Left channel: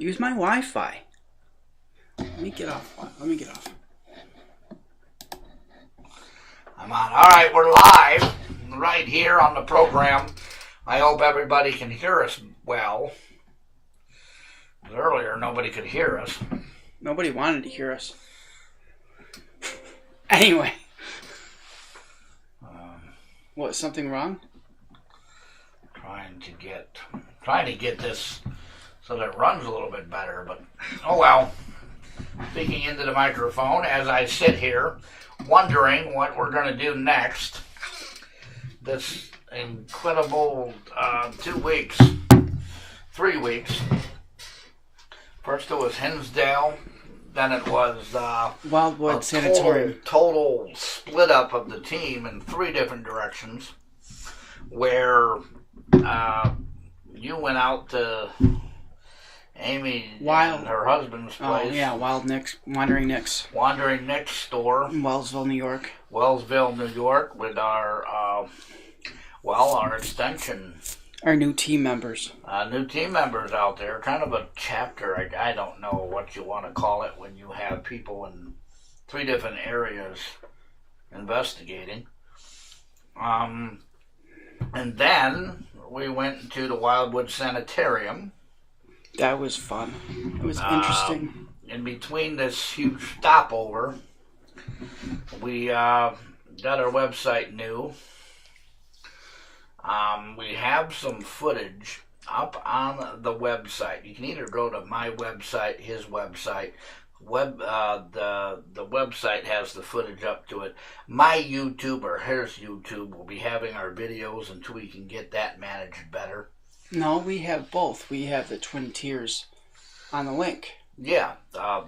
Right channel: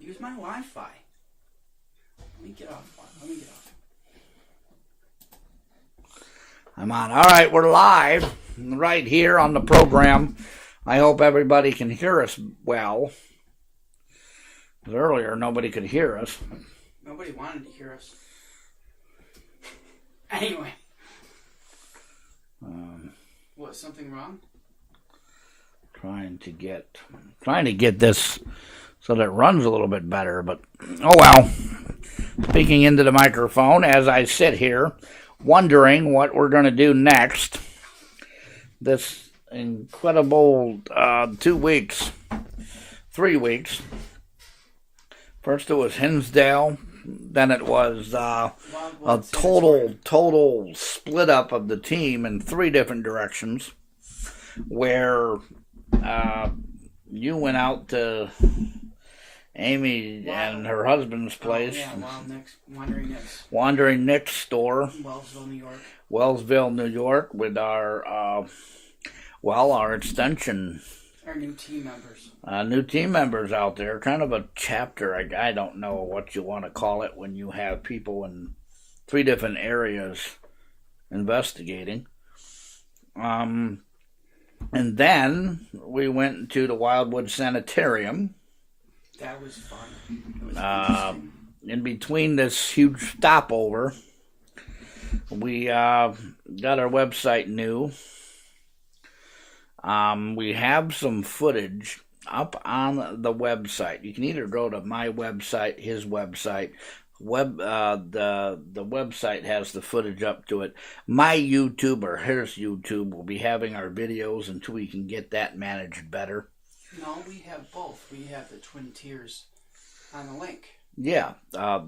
Use my Wi-Fi. Let me get off. I'm on. All right, we're live right here on the program. I hope everybody can hear us well. Because earlier, nobody could hear us. Nobody wanted to hear us. Anyway. What, something wrong? Trying to get this so that it runs a little bit better, but oh well. Speaking into the microphone as I sit here, wondering what we're going to do next. This incredible 3 weeks. First it was Hinsdale, then it was Wildwood a total split up of the team in 3 different directions, where you went out to Amy and her husband's place. Oh, yeah, Wandering Nick's. Wandering Nick's store. In Wellsville, New York. Wellsville, New York, with our extension. Our new team members. New team members out there. Kind of a chapter. I don't know what you want to call it when you have people in 3 different areas investigating. And then we went to the Wildwood Sanitarium. That was fun. It was interesting. In between this huge stopover, we got our website new. We have some footage up on the website. You can either go to my website, his website. The website has the footage up to it. My YouTube or his YouTube will be having our videos until we can get that managed better. No, we have both. We have the Twin Tiers on the link. Yeah,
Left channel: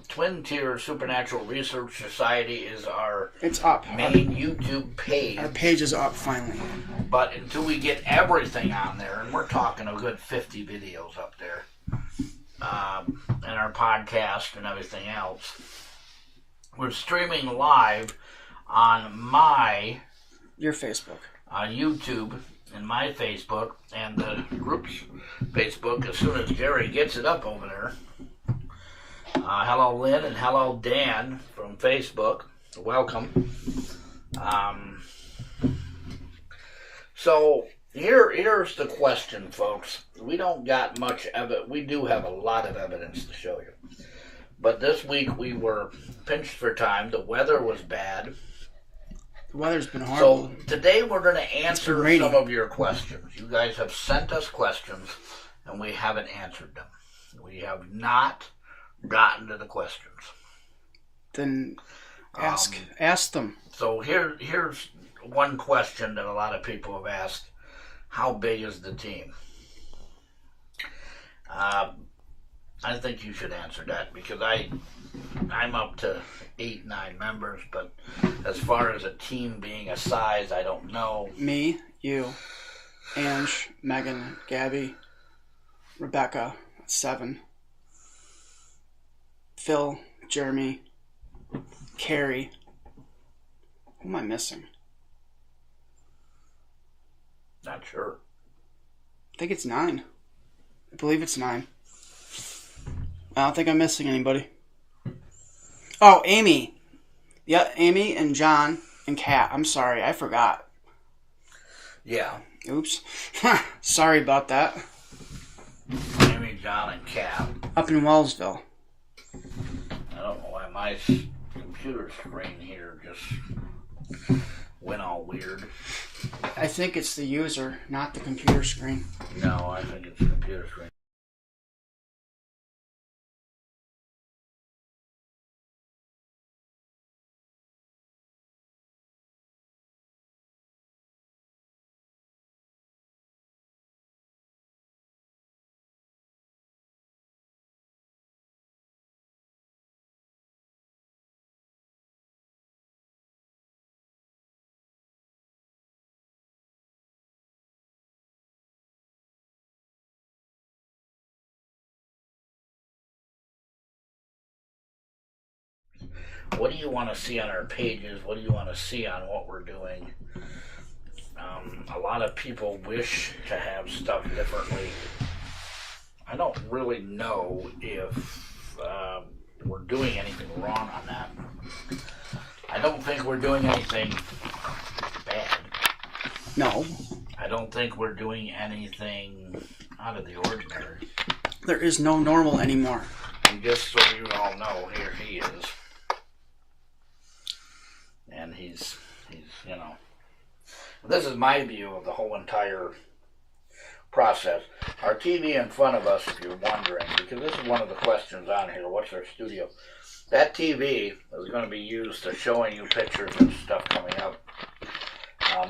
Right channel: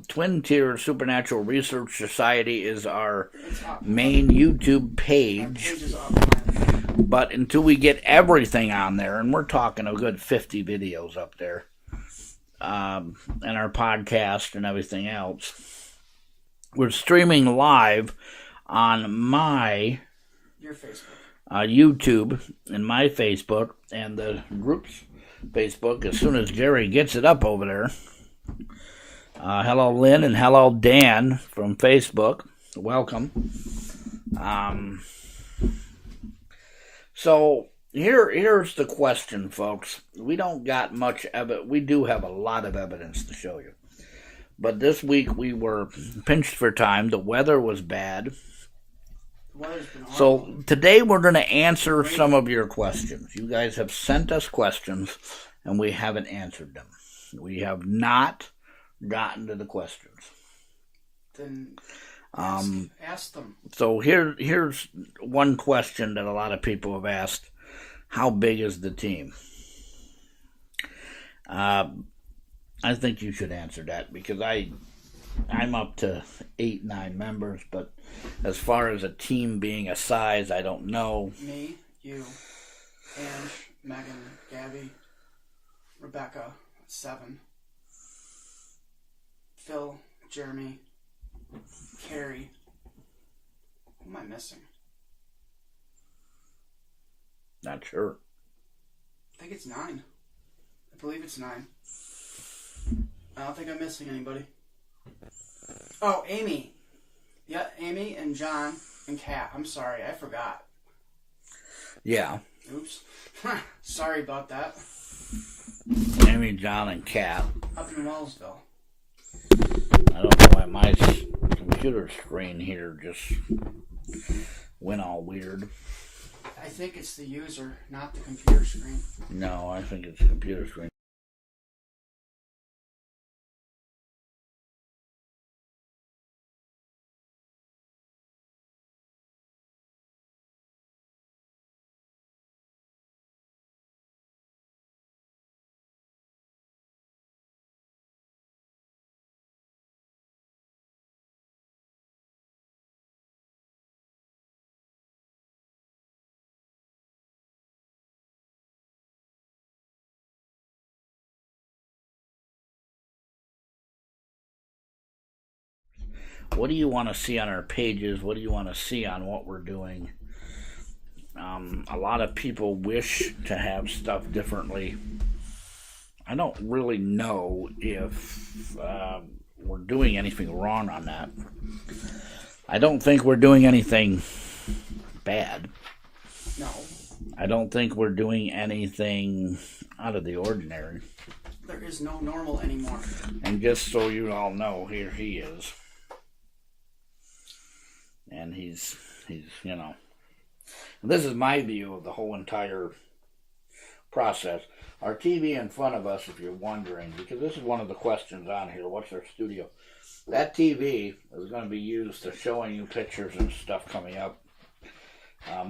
Twin Tier Supernatural Research Society is our up. Main YouTube page. Our page is up finally. But until we get everything on there, and we're talking a good 50 videos up there, and our podcast and everything else, we're streaming live on your Facebook. YouTube and my Facebook and the group's Facebook as soon as Jerry gets it up over there. Hello Lynn and hello Dan from Facebook. Welcome. So here's the question, folks. We don't got much evidence. We do have a lot of evidence to show you. But this week we were pinched for time. The weather was bad. The weather's been horrible. So today we're going to answer some of your questions. You guys have sent us questions, and we haven't answered them. We have not gotten to the questions. Then ask them. So here's one question that a lot of people have asked. How big is the team? I think you should answer that because I'm up to 8, 9 members, but as far as a team being a size, I don't know. Me, you, Ange, Megan, Gabby, Rebecca, 7, Phil, Jeremy, Carrie. Who am I missing? Not sure. I think it's 9. I believe it's 9. I don't think I'm missing anybody. Oh, Amy. Yeah, Amy and John and Kat. I'm sorry, I forgot. Yeah. Oops. Sorry about that. Amy, John, and Kat. Up in Wellsville. I don't know why my computer screen here just went all weird. I think it's the user, not the computer screen. No, I think it's the computer screen. What do you want to see on our pages? What do you want to see on what we're doing? A lot of people wish to have stuff differently. I don't really know if we're doing anything wrong on that. I don't think we're doing anything bad. No. I don't think we're doing anything out of the ordinary. There is no normal anymore. And just so you all know, here he is. And he's you know. This is my view of the whole entire process. Our TV in front of us, if you're wondering, because this is one of the questions on here, what's our studio? That TV is going to be used to showing you pictures and stuff coming up.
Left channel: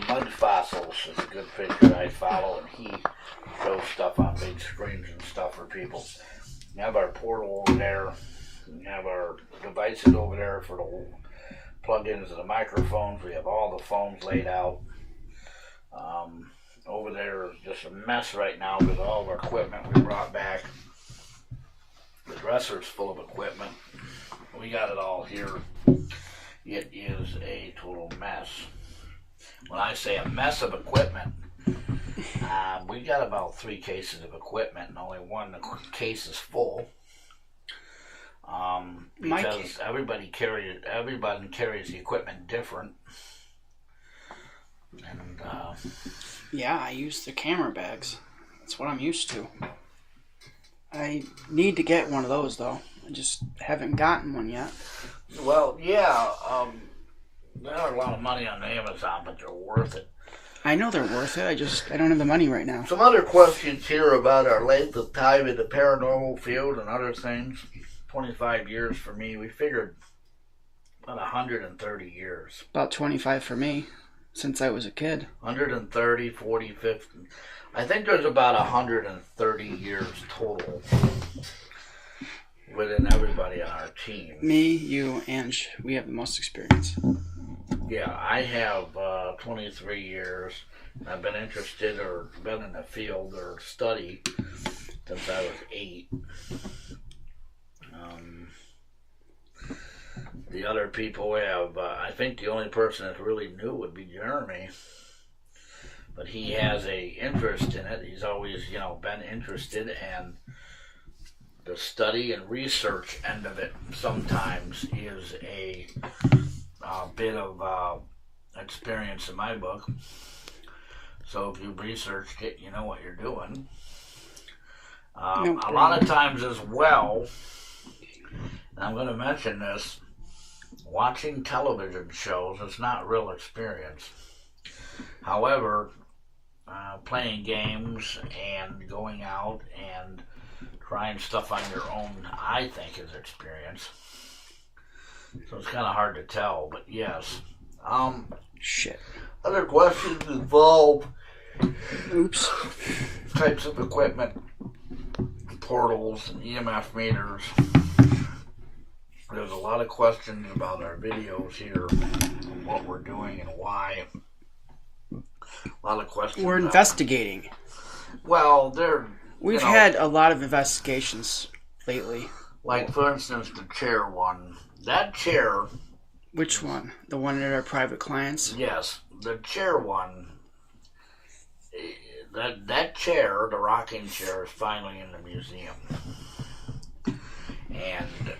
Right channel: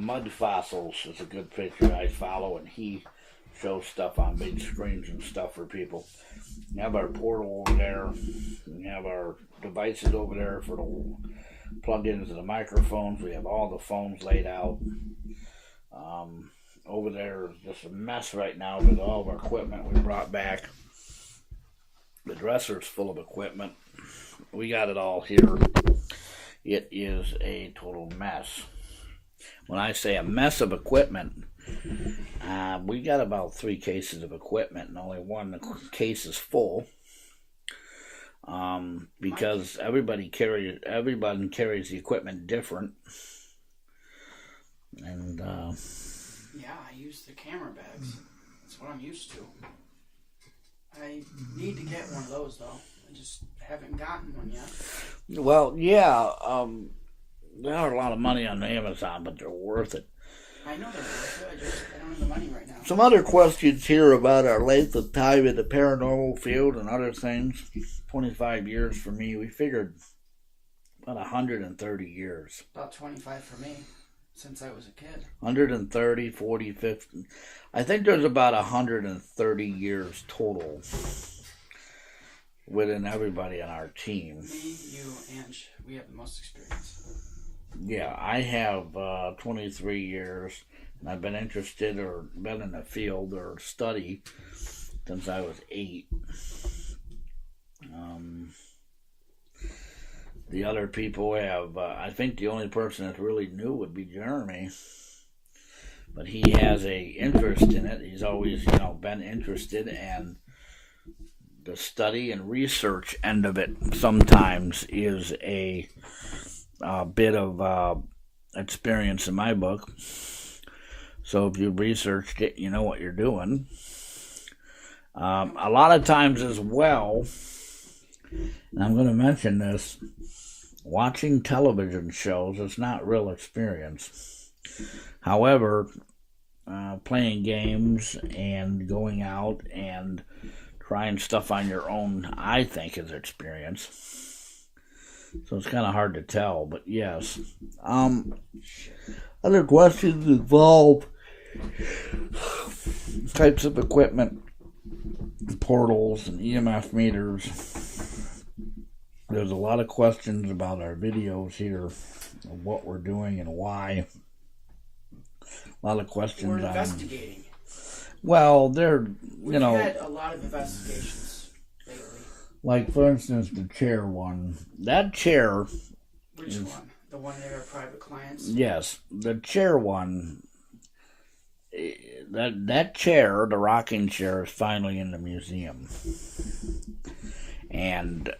Mud Fossils is a good picture I follow, and he shows stuff on big screens and stuff for people. We have our portal over there. We have our devices over there for the plug-ins of the microphones. We have all the phones laid out. Over there is just a mess right now with all of our equipment we brought back. The dresser's full of equipment. We got it all here. It is a total mess. When I say a mess of equipment, we got about 3 cases of equipment, and only one case is full. Because everybody carries the equipment different. And yeah, I use the camera bags. That's what I'm used to. I need to get one of those though. I just haven't gotten one yet. Well, yeah, they are a lot of money on Amazon, but they're worth it. I know they're worth it. I don't have the money right now. Some other questions here about our length of time in the paranormal field and other things. 25 years for me. We figured about 130 years. About 25 for me, since I was a kid. 130, 40, 50. I think there's about 130 years total within everybody on our team. Me, you, Ange, we have the most experience. Yeah, I have 23 years. I've been interested or been in the field or study since I was 8. The other people have, I think the only person that's really new would be Jeremy. But he has a interest in it. He's always, been interested, and the study and research end of it sometimes is a bit of experience in my book. So if you researched it, you know what you're doing. A lot of times as well, and I'm going to mention this, watching television shows is not real experience. However, playing games and going out and trying stuff on your own, I think, is experience. So it's kind of hard to tell, but yes. Shit. Other questions involve Oops. types of equipment, portals, and EMF meters. There's a lot of questions about our videos here, and what we're doing and why. A lot of questions. We're investigating. Well, we've had a lot of investigations lately. Like, for instance, the chair one. That chair... Which one? The one at our private clients? Yes. The chair one... That chair, the rocking chair, is finally in the museum. And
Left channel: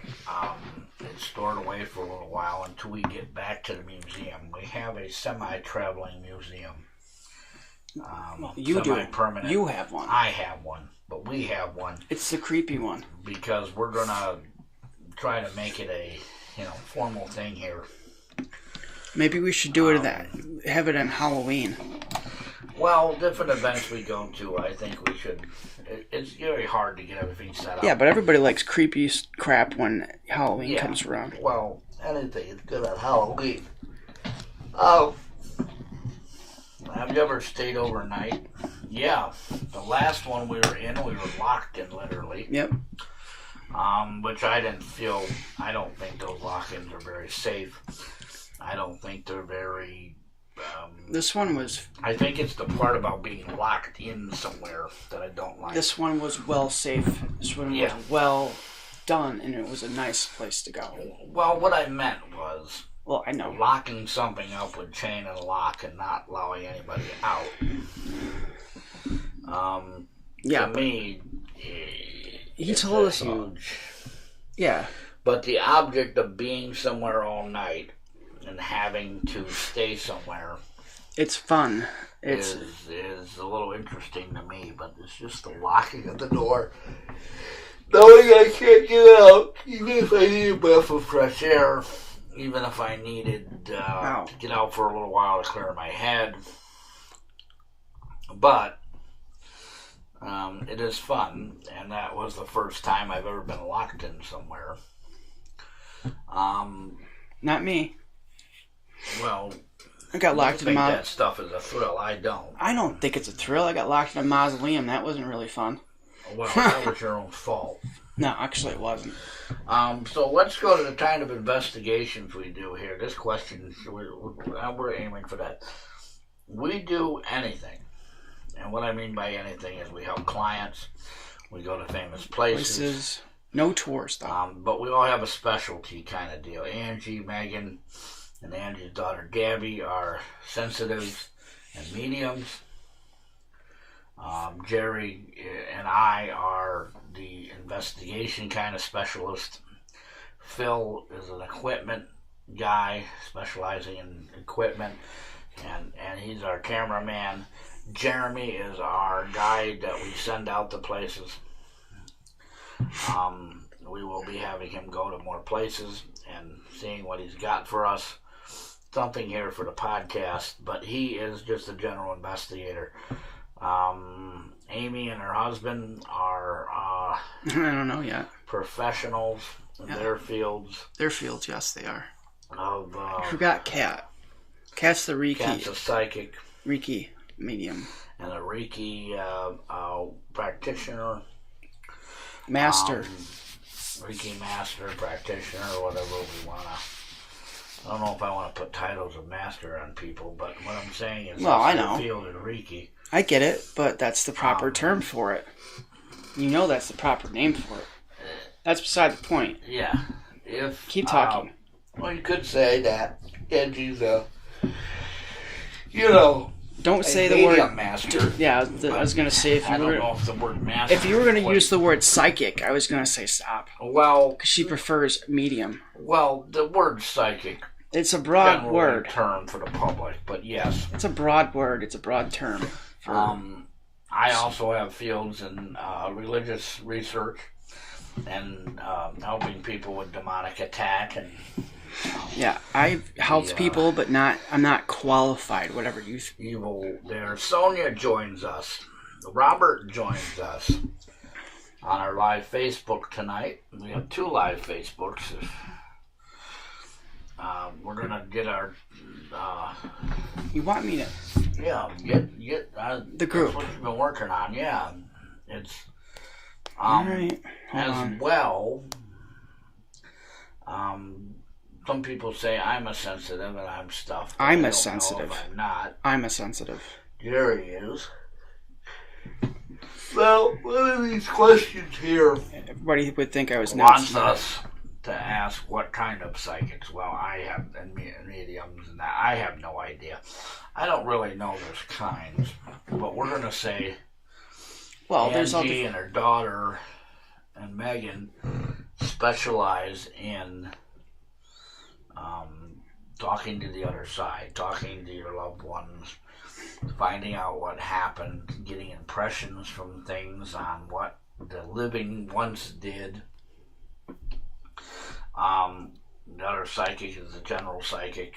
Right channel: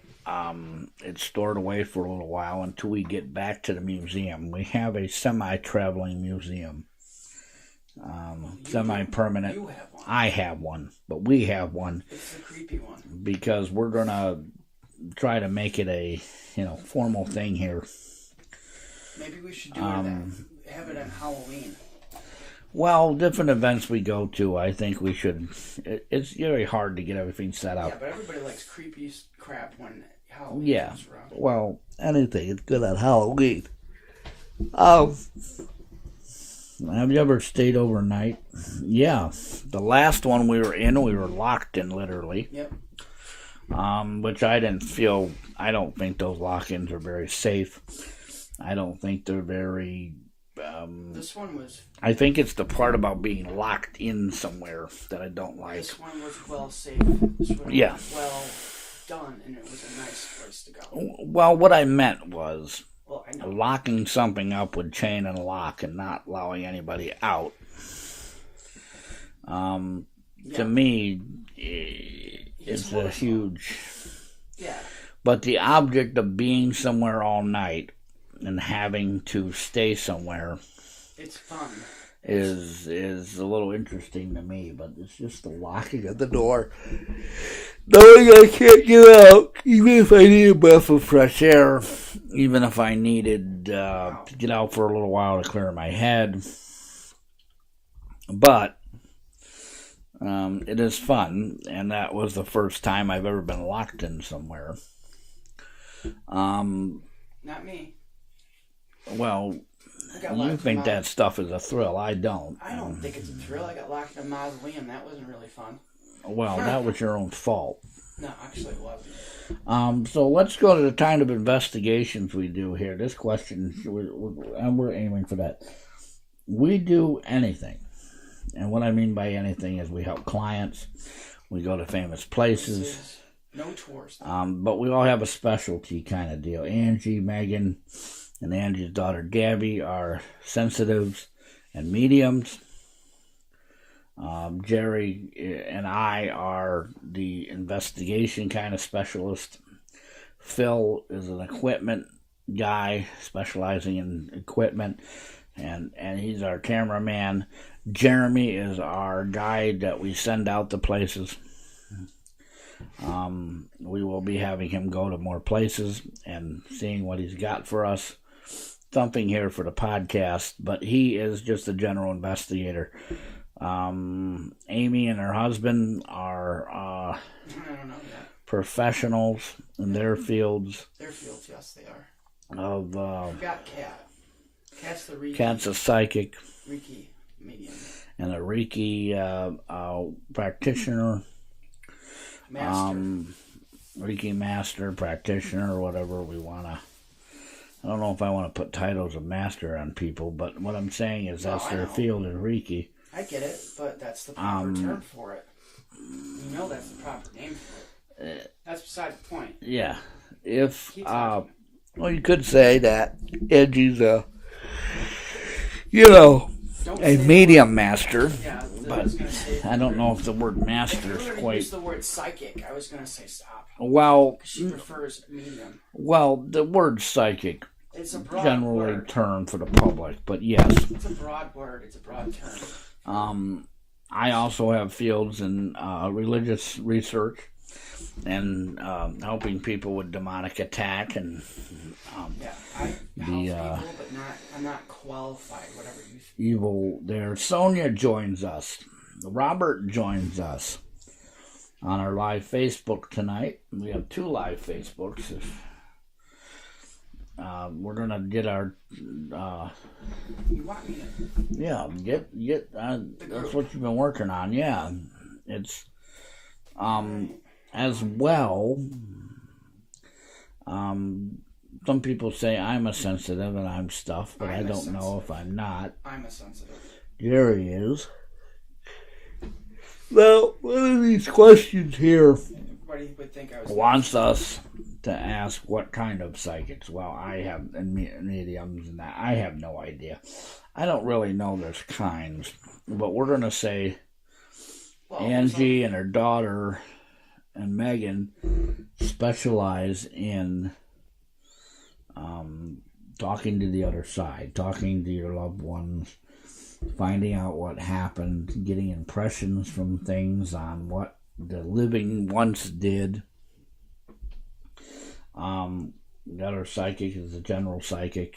it's stored away for a little while until we get back to the museum. We have a semi-traveling museum. Semi-permanent. You have one. I have one, but we have one. It's the creepy one. Because we're going to try to make it a formal thing here. Maybe we should do it have it on Halloween. Well, different events we go to, I think we should. It's very hard to get everything set up. Yeah, but everybody likes creepy crap when Halloween comes around. Well, anything is good on Halloween. Have you ever stayed overnight? Yeah. The last one we were in, we were locked in, literally. Yep. Which I don't think those lock-ins are very safe. I don't think they're very... this one was... I think it's the part about being locked in somewhere that I don't like. This one was well safe. This one was well done, and it was a nice place to go. Well, what I meant was... Well, I know. Locking something up with chain and lock and not allowing anybody out. To me, He told us huge. Yeah. But the object of being somewhere all night and having to stay somewhere, it's fun. Is a little interesting to me. But it's just the locking of the door, knowing I can't get out, even if I need a breath of fresh air, even if I needed to get out for a little while to clear my head. But it is fun, and that was the first time I've ever been locked in somewhere. Not me. Well, I got locked in think that stuff is a thrill. I don't. I don't think it's a thrill. I got locked in a mausoleum. That wasn't really fun. Well, that was your own fault. No, actually it wasn't. So let's go to the kind of investigations we do here. This question, we're aiming for that. We do anything. And what I mean by anything is we help clients. We go to famous places. No tours, though. But we all have a specialty kind of deal. Angie, Megan, and Angie's daughter Gabby are sensitives and mediums. Jerry and I are the investigation kind of specialist. Phil is an equipment guy specializing in equipment, and he's our cameraman. Jeremy is our guide that we send out to places. We will be having him go to more places and seeing what he's got for us. Something here for the podcast, but he is just a general investigator. Amy and her husband are I don't know yet. Professionals in their fields. Their fields, yes, they are. I forgot Kat. Kat's the Reiki. Kat's a psychic. Reiki medium. And a Reiki practitioner. Master. Reiki master, practitioner, or whatever we want to. I don't know if I want to put titles of master on people, but what I'm saying is that's their field is Reiki. I get it, but that's the proper term for it. You know that's the proper name for it. That's beside the point. Yeah. Keep talking. Well, you could say that Angie's don't say medium master. Yeah, I was going to say I don't know if the word master. If you were going to use the word psychic, I was going to say stop. Well, because she prefers medium. Well, the word psychic. It's a broad word. Term for the public, but yes. It's a broad word. It's a broad term. I also have fields in religious research and helping people with demonic attack and. Yeah, I've helped people, but I'm not qualified, whatever you think. Evil there. Sonia joins us. Robert joins us on our live Facebook tonight. We have 2 live Facebooks. We're going to get our... you want me to... Yeah, get the group. That's what you've been working on, yeah. It's... right. As well... some people say I'm a sensitive and I'm stuffed. I'm a sensitive. Know if I'm not. I'm a sensitive. Jerry is. Well, one of these questions here. Everybody would think I was wants us to ask what kind of psychics. Well, I have and mediums and that. I have no idea. I don't really know those kinds, but we're gonna say. Well, Angie and her daughter and Megan specialize in. Talking to the other side, talking to your loved ones, finding out what happened, getting impressions from things on what the living once did. The other psychic is a general psychic.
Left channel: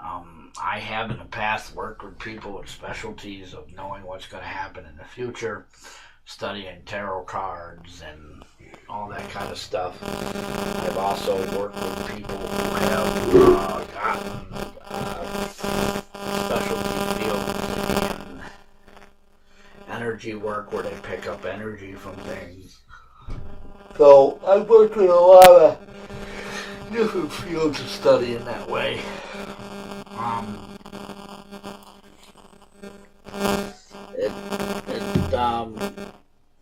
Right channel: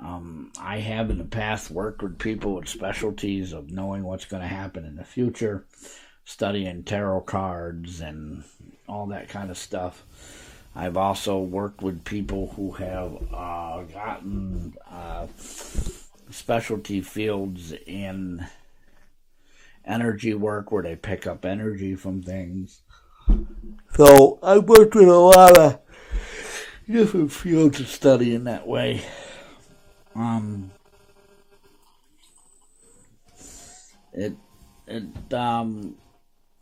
I have in the past worked with people with specialties of knowing what's going to happen in the future, studying tarot cards and all that kind of stuff. I've also worked with people who have gotten specialty fields in energy work where they pick up energy from things. So I've worked with a lot of different fields of study in that way.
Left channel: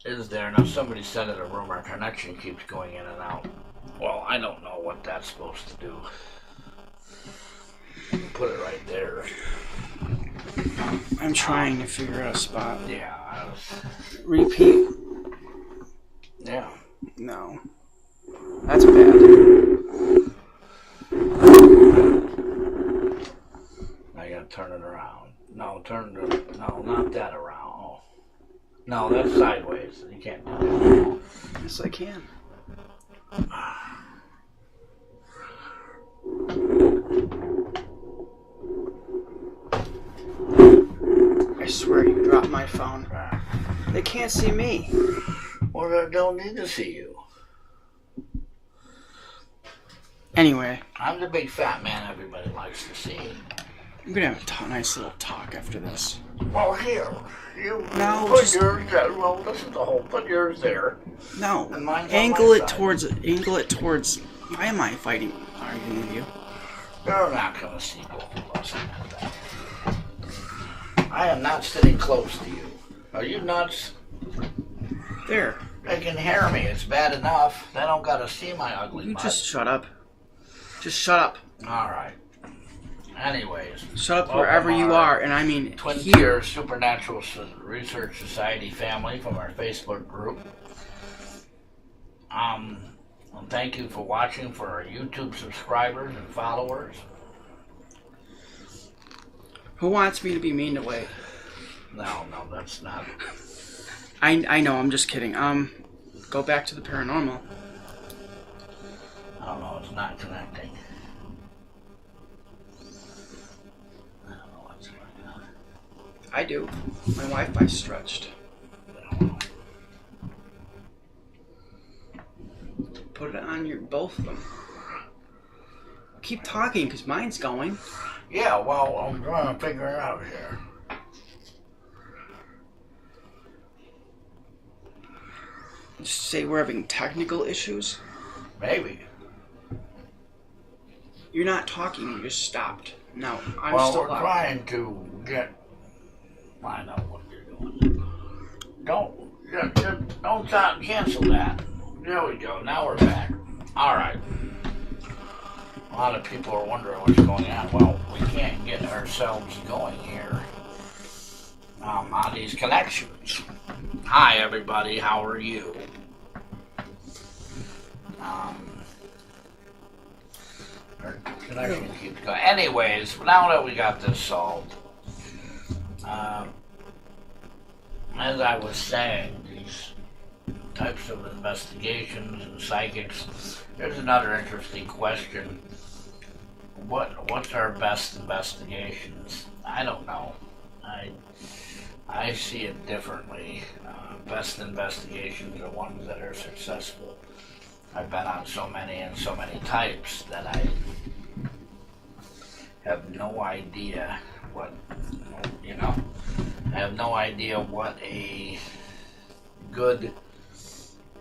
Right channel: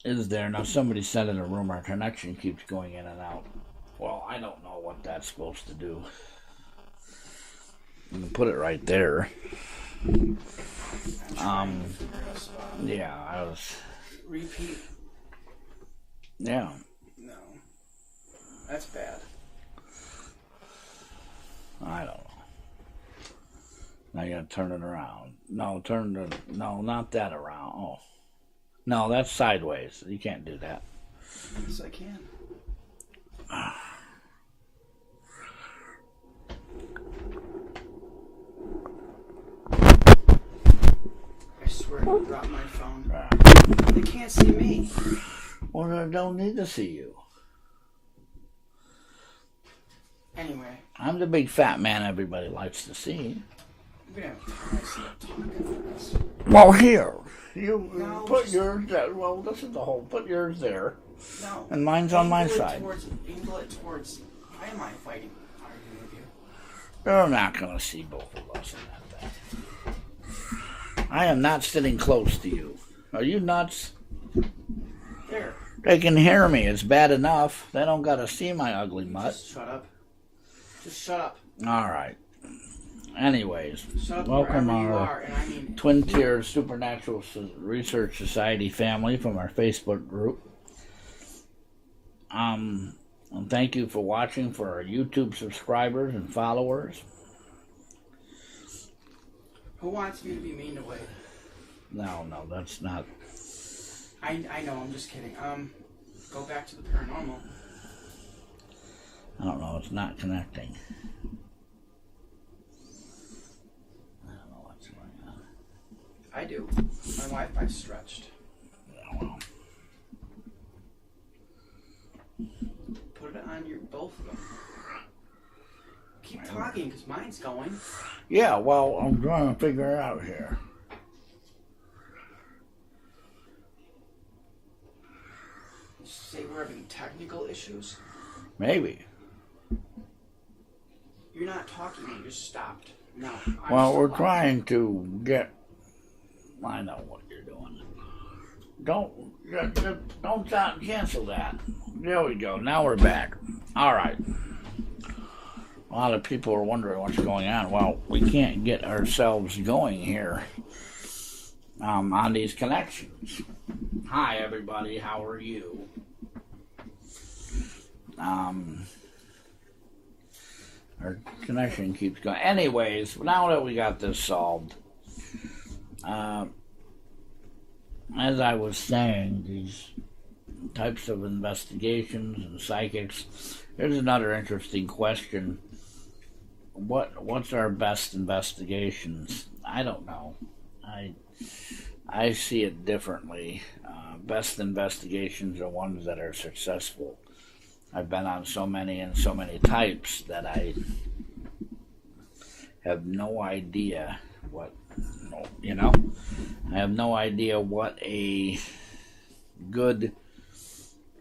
Is there. Now somebody said in the room our connection keeps going in and out. Well, I don't know what that's supposed to do. You can put it right there. I'm trying to figure out a spot. Yeah, I was... Repeat. Yeah. No. That's bad. Now you gotta turn it around. No, no, not that around. Oh. No, that's sideways. You can't do that. Yes, I can. I swear you dropped my phone. They can't see me. Well, they don't need to see you. Anyway. I'm the big fat man everybody likes to see. I'm gonna have a nice little talk after this. Well, here. You no, put yours there. Well, this is the whole. Put yours there. No. And mine's angle on my it side. Angle it towards. Why am I arguing with you? They're not gonna see both of us at that. I am not sitting close to you. Are you nuts? There. They can hear me. It's bad enough. They don't gotta see my ugly butt. Just shut up. Just shut up. All right. Anyways, shut up wherever you are, and I mean Twin Tiers Supernatural Research Society family from our Facebook group. And thank you for watching for our YouTube subscribers and followers. Who wants me to be mean to Wade? No, that's not. I know. I'm just kidding. Go back to the paranormal. I don't know. It's not connecting. I do. My Wi-Fi's stretched. Put it on both of them. Keep talking, because mine's going. Yeah, well, I'm trying to figure it out here. Just say we're having technical issues? Maybe. You're not talking, you just stopped. No, I'm well, still we're loud. Trying to get... I know what you're doing. Don't stop. Cancel that. There we go. Now we're back. All right. A lot of people are wondering what's going on. Well, we can't get ourselves going here on these connections. Hi, everybody. How are you? Our connection keeps going. Anyways, now that we got this solved, as I was saying, these types of investigations and psychics, here's another interesting question. What's our best investigations? I don't know. I see it differently. Best investigations are ones that are successful. I've been on so many and so many types that I have no idea what, I have no idea what a good,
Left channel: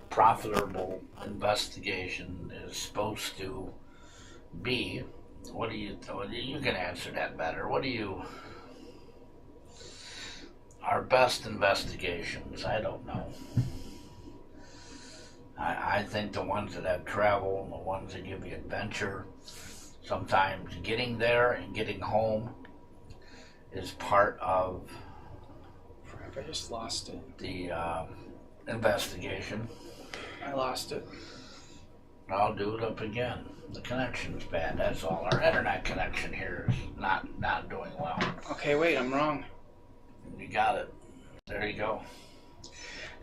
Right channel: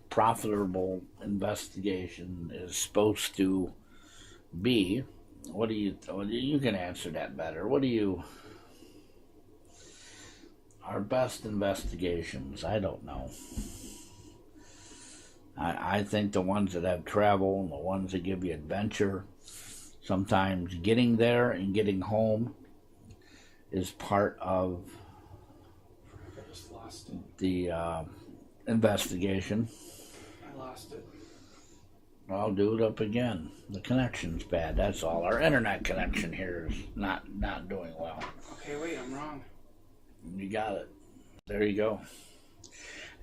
profitable investigation is supposed to be. You can answer that better. Our best investigations, I don't know. I think the ones that have travel and the ones that give you adventure, sometimes getting there and getting home is part of I just lost it. the investigation. I lost it. I'll do it up again. The connection's bad, that's all. Our internet connection here is not doing well. Okay, wait, I'm wrong. You got it. There you go.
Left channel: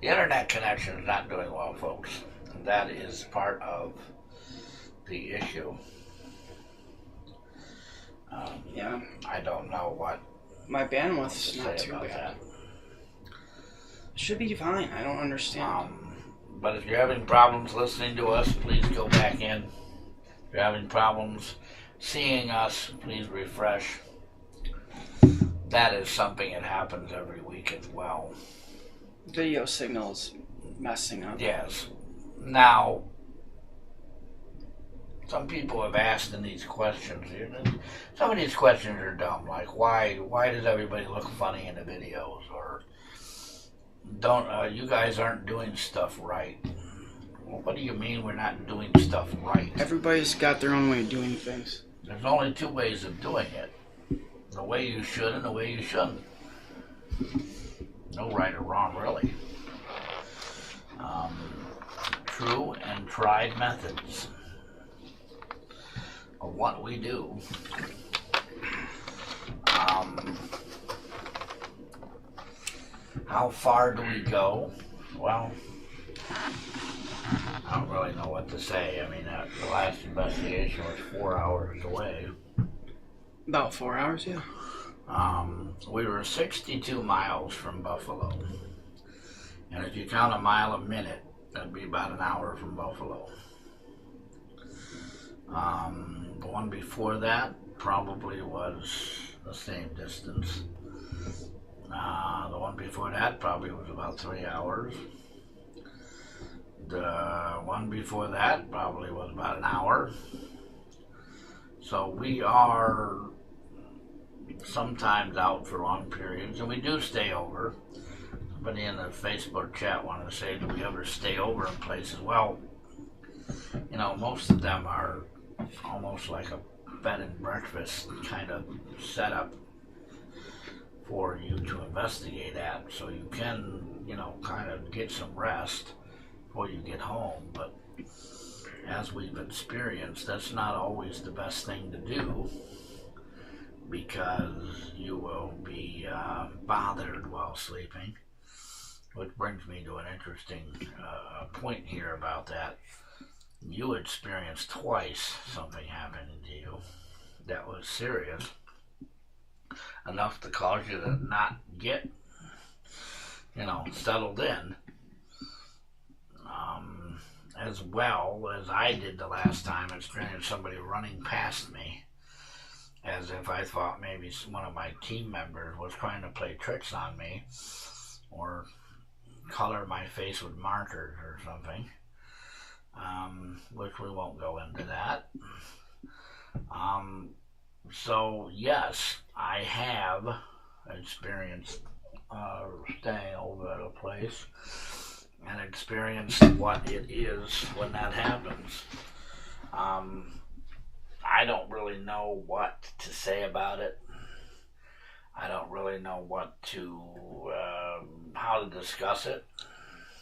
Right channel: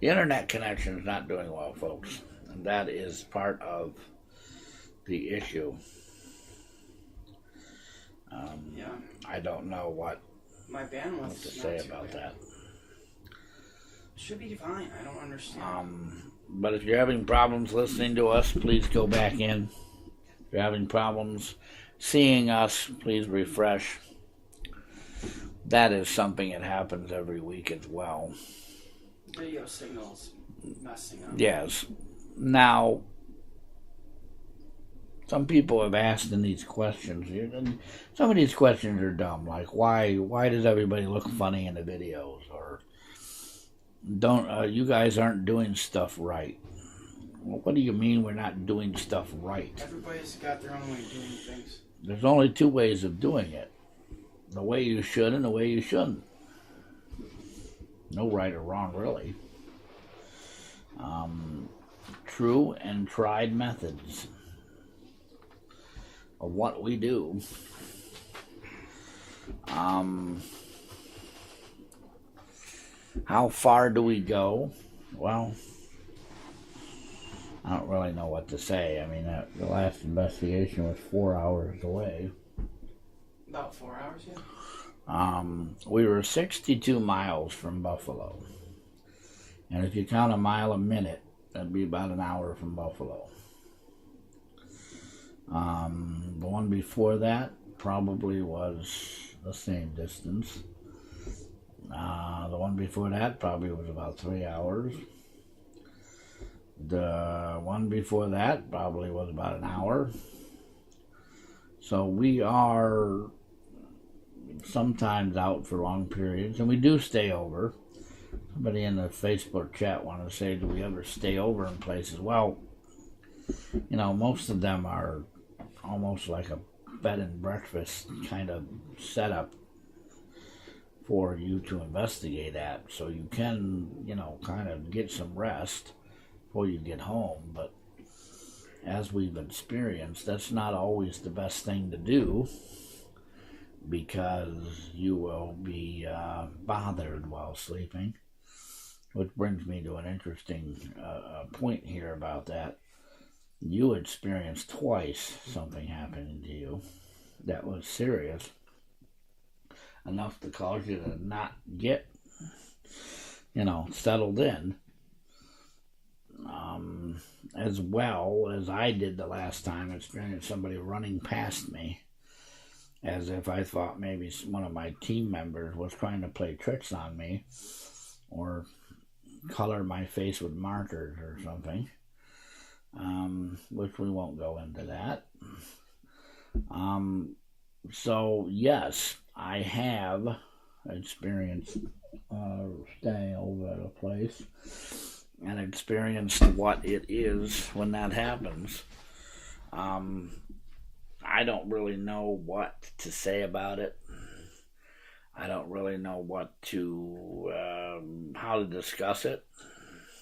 The internet connection is not doing well, folks. And that is part of the issue. Yeah. I don't know what my bandwidth's to not say too about bad. that. It should be fine. I don't understand. But if you're having problems listening to us, please go back in. If you're having problems seeing us, please refresh. That is something that happens every week as well. Video signals messing up. Yes. Now, some people have asked in these questions, some of these questions are dumb, like why does everybody look funny in the videos, or you guys aren't doing stuff right. Well, what do you mean we're not doing stuff right? Everybody's got their own way of doing things. There's only two ways of doing it. The way you should and the way you shouldn't. No right or wrong, really. true and tried methods of what we do. How far do we go? Well, I don't really know what to say. I mean, the last investigation was 4 hours away. About 4 hours, yeah. We were 62 miles from Buffalo. And if you count a mile a minute, that'd be about an hour from Buffalo. The one before that probably was the same distance. The one before that probably was about 3 hours. The one before that probably was about an hour. So we are sometimes out for long periods, and we do stay over. Somebody in the Facebook chat wanted to say, do we ever stay over in places? Well, you know, most of them are almost like a bed and breakfast kind of setup for you to investigate at, so you can, you know, kind of get some rest before you get home. But as we've experienced, that's not always the best thing to do, because you will be bothered while sleeping. Which brings me to an interesting point here about that. You experienced twice something happening to you that was serious enough to cause you to not get, you know, settled in, as well as I did the last time. I experienced somebody running past me as if I thought maybe one of my team members was trying to play tricks on me or color my face with markers or something, which we won't go into that. So yes, I have experienced staying over at a place and experienced what it is when that happens. I don't really know what to say about it. I don't really know how to discuss it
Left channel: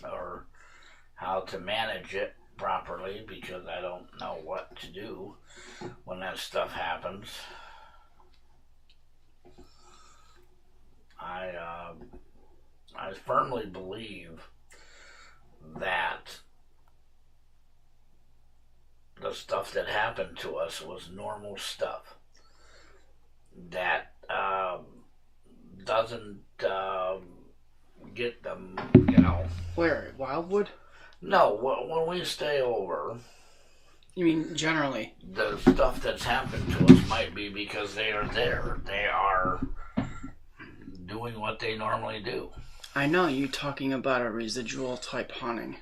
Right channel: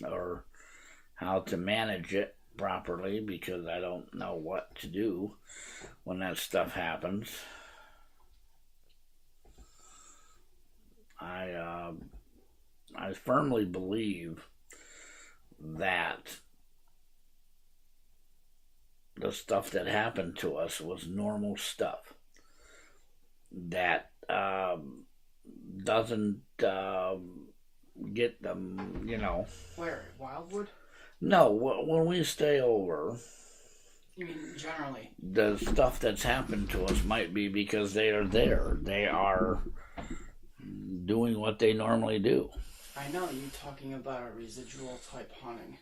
or how to manage it properly, because I don't know what to do when that stuff happens. I firmly believe that the stuff that happened to us was normal stuff that doesn't get them, you know. Where? At Wildwood? No, when we stay over. You mean generally? The stuff that's happened to us might be because they are there. They are doing what they normally do. I know you talking about a residual type haunting.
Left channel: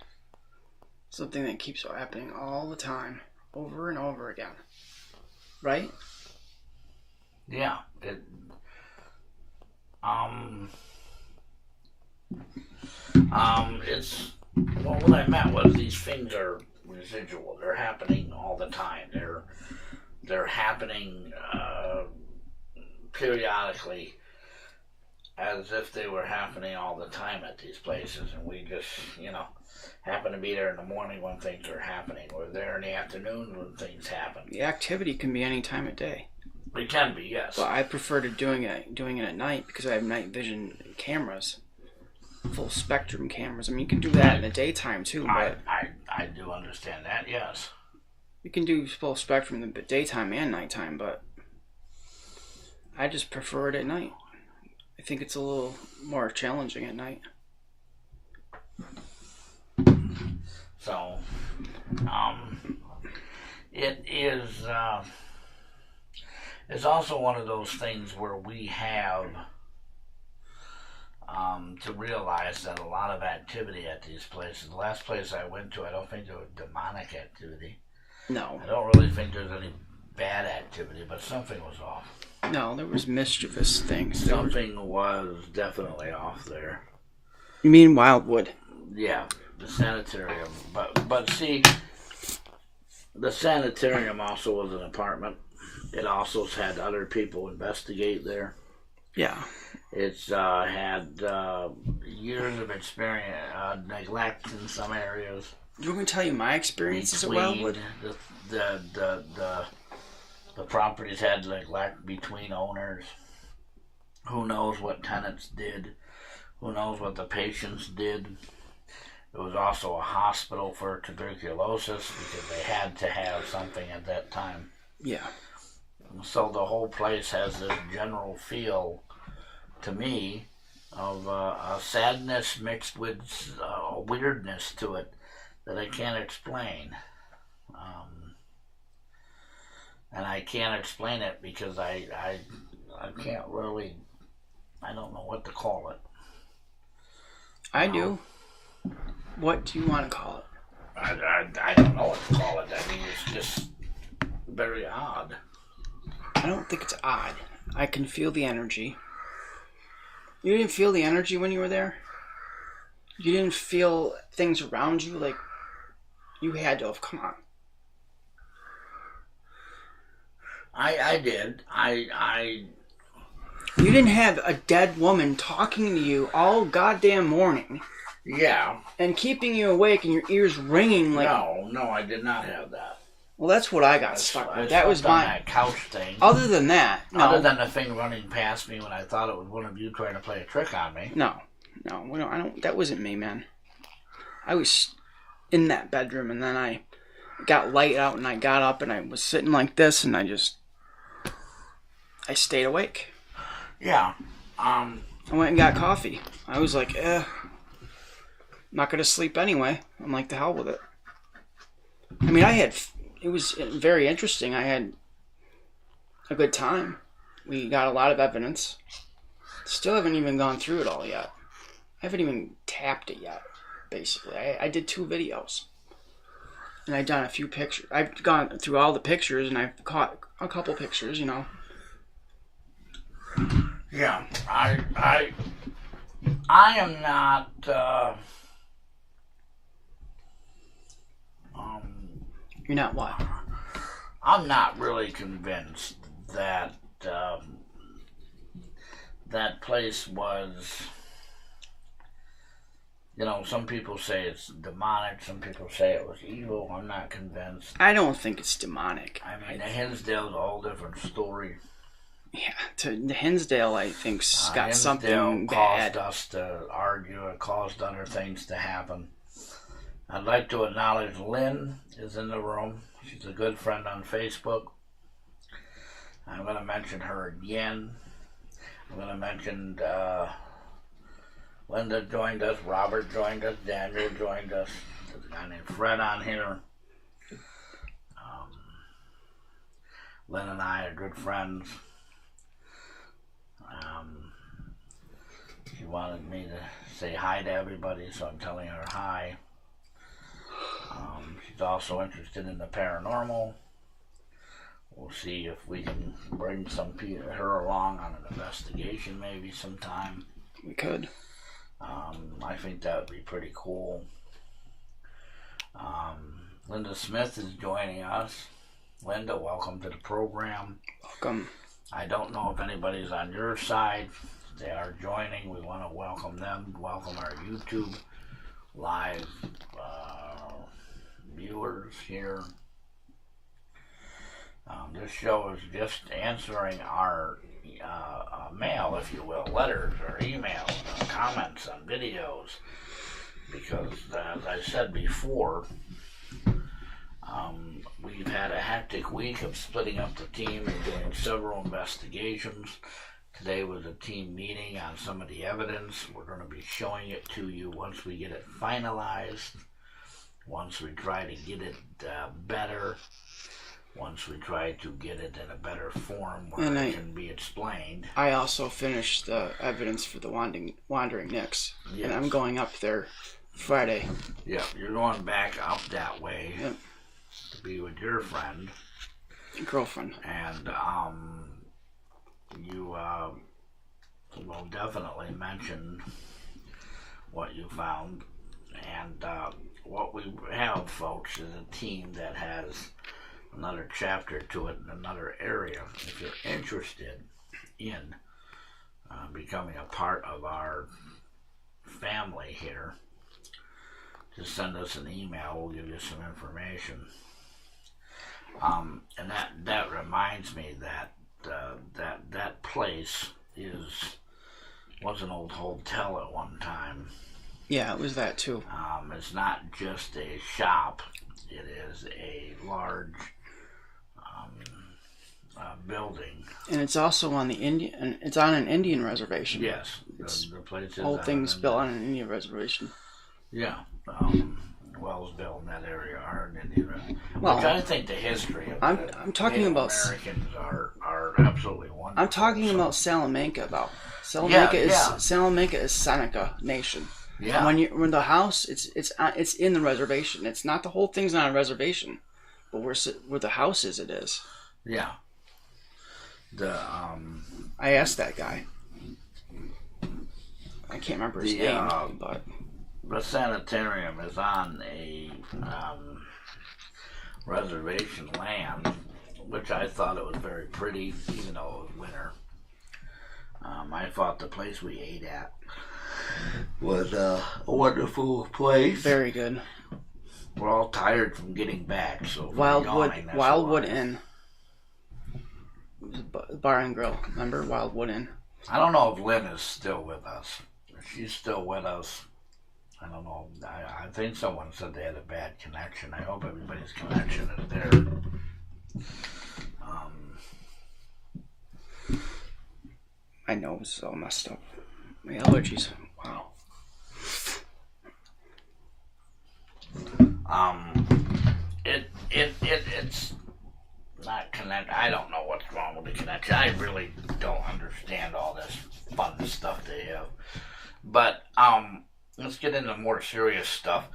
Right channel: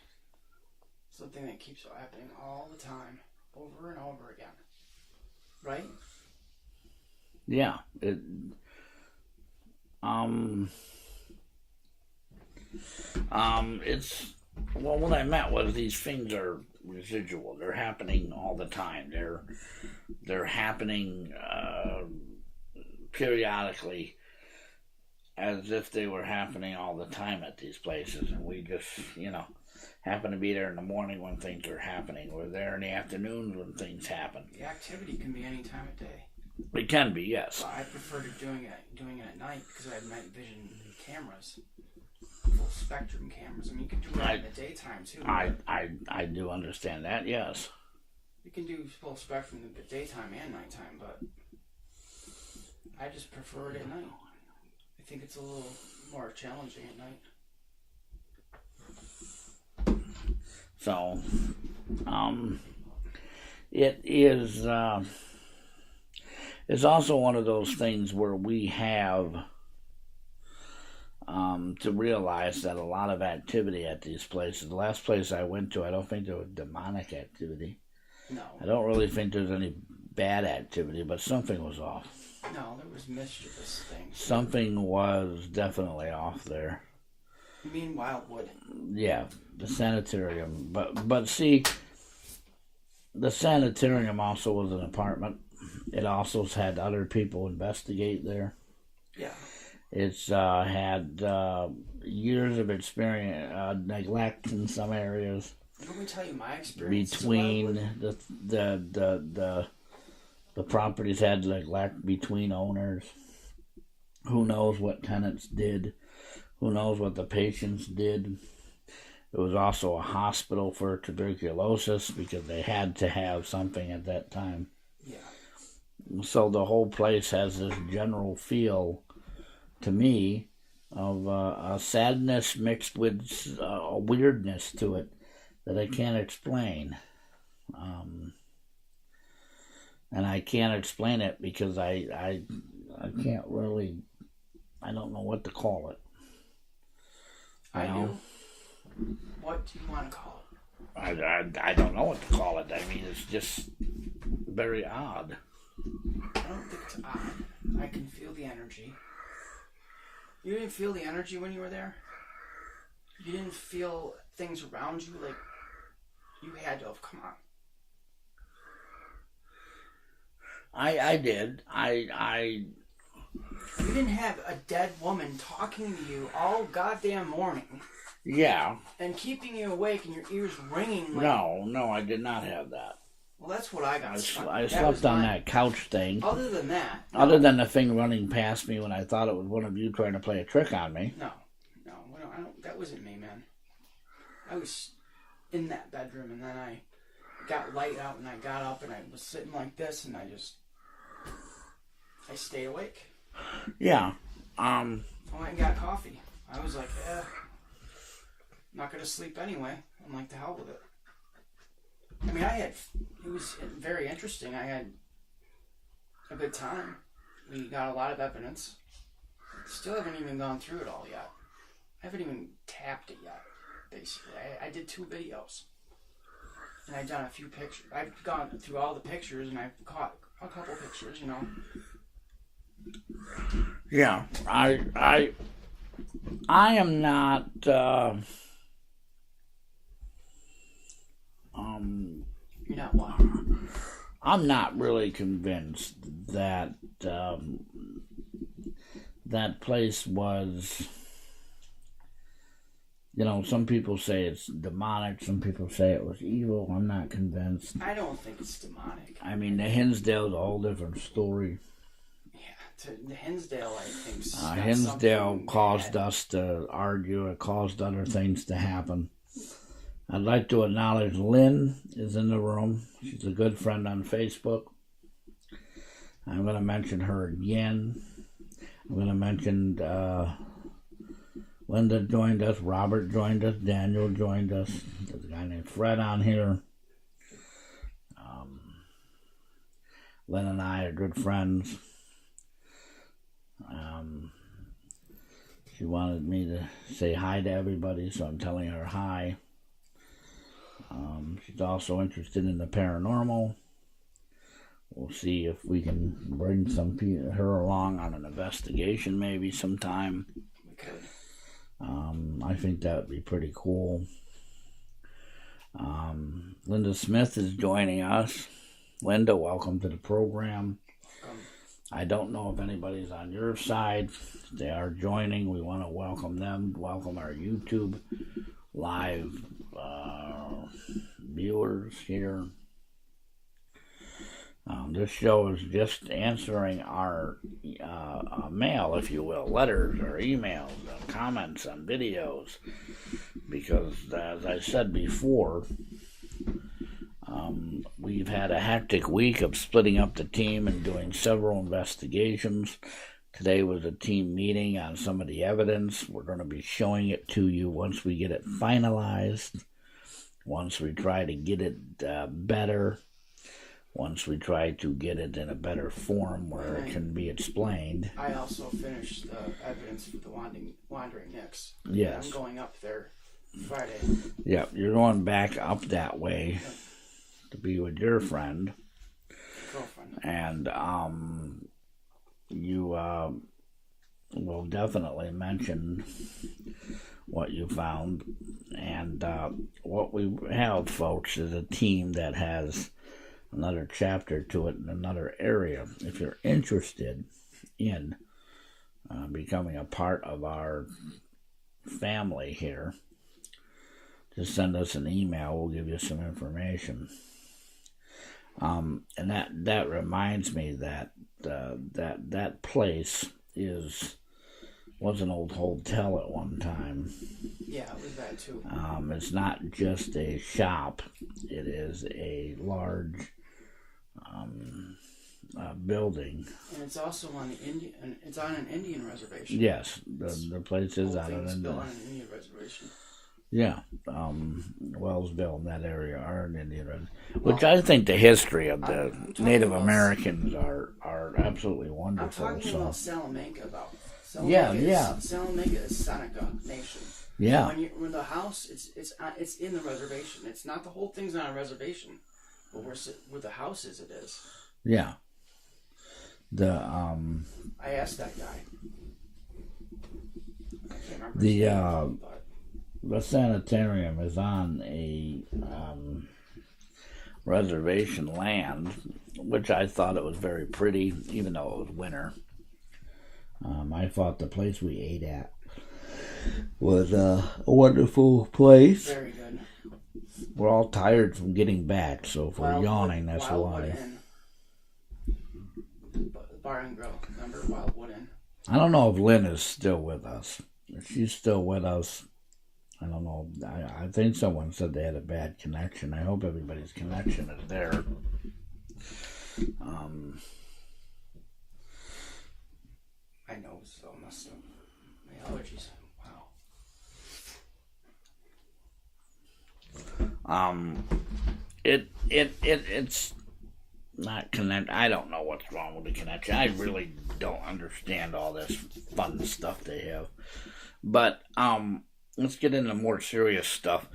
Something that keeps happening all the time, over and over again. Right? Yeah. It's, well, what I meant was these things are residual. They're happening all the time. They're happening periodically, as if they were happening all the time at these places, and we just, you know, happen to be there in the morning when things are happening, or there in the afternoon when things happen. The activity can be any time of day. It can be, yes. But I prefer to doing it at night because I have night vision cameras, full spectrum cameras. I mean, you can do that in the daytime too. But I do understand that, yes. You can do full spectrum in the daytime and nighttime, but I just prefer it at night. I think it's a little more challenging at night. So, it is, it's also one of those things where we have to realize that a lot of activity at these places. The last place I went to, I don't think there was demonic activity. No. I don't really think there's any bad activity, but something was off. No, there was mischievous things. Something was definitely off there. You mean Wildwood? Yeah, the sanitarium. But see, the sanitarium also was an apartment. It also had other people investigate there. Yeah. It's had years of experience, neglect in some areas. You want me to tell you my experiences at Wildwood? The properties had like between owners. Who knows what tenants did? Who knows what the patients did? It was also a hospital for tuberculosis because they had to have something at that time. Yeah. So the whole place has this general feel, to me, of a sadness mixed with a weirdness to it that I can't explain. And I can't explain it because I can't really, I don't know what to call it. I do. What do you want to call it? I don't know what to call it. I mean, it's just very odd. I don't think it's odd. I can feel the energy. You didn't feel the energy when you were there? You didn't feel things around you like you had to have? Come on. I did. You didn't have a dead woman talking to you all goddamn morning. Yeah. And keeping you awake and your ears ringing like... No, I did not have that. Well, that's what I got stuck with. That was on that couch thing. Other than that... No. Other than the thing running past me when I thought it was one of you trying to play a trick on me. No, I don't. That wasn't me, man. I was in that bedroom and then I got light out and I got up and I was sitting like this and I stayed awake. Yeah. I went and got coffee. I was like, I'm not going to sleep anyway. I'm like, the hell with it. I mean, it was very interesting. I had a good time. We got a lot of evidence. Still haven't even gone through it all yet. I haven't even tapped it yet, basically. I did 2 videos. And I've done a few pictures. I've gone through all the pictures and I've caught a couple pictures, you know. Yeah, I am not. You're not what? I'm not really convinced that that place was. You know, some people say it's demonic. Some people say it was evil. I'm not convinced. I don't think it's demonic. I mean, the Hinsdale's a whole different story. Yeah, the Hinsdale, I think, got Hinsdale something caused bad. us to argue. It caused other things to happen. I'd like to acknowledge Lynn is in the room. She's a good friend on Facebook. I'm going to mention her again. I'm going to mention Linda joined us, Robert joined us, Daniel joined us. There's a guy named Fred on here. Lynn and I are good friends. She wanted me to say hi to everybody, so I'm telling her hi. She's also interested in the paranormal. We'll see if we can bring her along on an investigation maybe sometime. We could. I think that would be pretty cool. Linda Smith is joining us. Linda, welcome to the program. Welcome. I don't know if anybody's on your side. They are joining. We want to welcome them. Welcome our YouTube live viewers here. This show is just answering our mail, if you will, letters or emails, comments on videos, because as I said before, we've had a hectic week of splitting up the team and doing several investigations. Today was a team meeting on some of the evidence. We're going to be showing it to you once we get it finalized, once we try to get it better, once we try to get it in a better form where it can be explained. I also finished the evidence for the Wandering Nicks. Yes. And I'm going up there Friday. Yeah, you're going back up that way to be with your friend. Your girlfriend. And you will definitely mention what you found. And what we have, folks, is a team that has another chapter to it in another area. If you're interested in becoming a part of our family here, just send us an email. We'll give you some information. And that reminds me that that place was an old hotel at one time. Yeah, it was that too. It's not just a shop; it is a large building, and it's also on the Indian. It's on an Indian reservation. Yes, the place is. The whole thing's built on an Indian reservation. Yeah, Wellsville and that area are an Indian reservation. Which I think the history of the Native Americans are absolutely wonderful. I'm talking about Salamanca, though. Salamanca is Seneca Nation. Yeah. When the house, it's in the reservation. It's not, the whole thing's not a reservation, but where the house is, it is. Yeah. I asked that guy. I can't remember his name, but the sanitarium is on a reservation land, which I thought it was very pretty, even though it was winter. I thought the place we ate at was a wonderful place. Very good. We're all tired from getting back, so if we're yawning, that's Wildwood Inn. Bar and Grill. Remember Wildwood Inn? I don't know if Lynn is still with us. If she's still with us, I don't know. I think someone said they had a bad connection. I hope everybody's connection is there. My nose is all messed up. My allergies. Wow. It's not connect. I don't know what's wrong with the connection. I really don't understand all this fun stuff they have. But let's get into more serious stuff.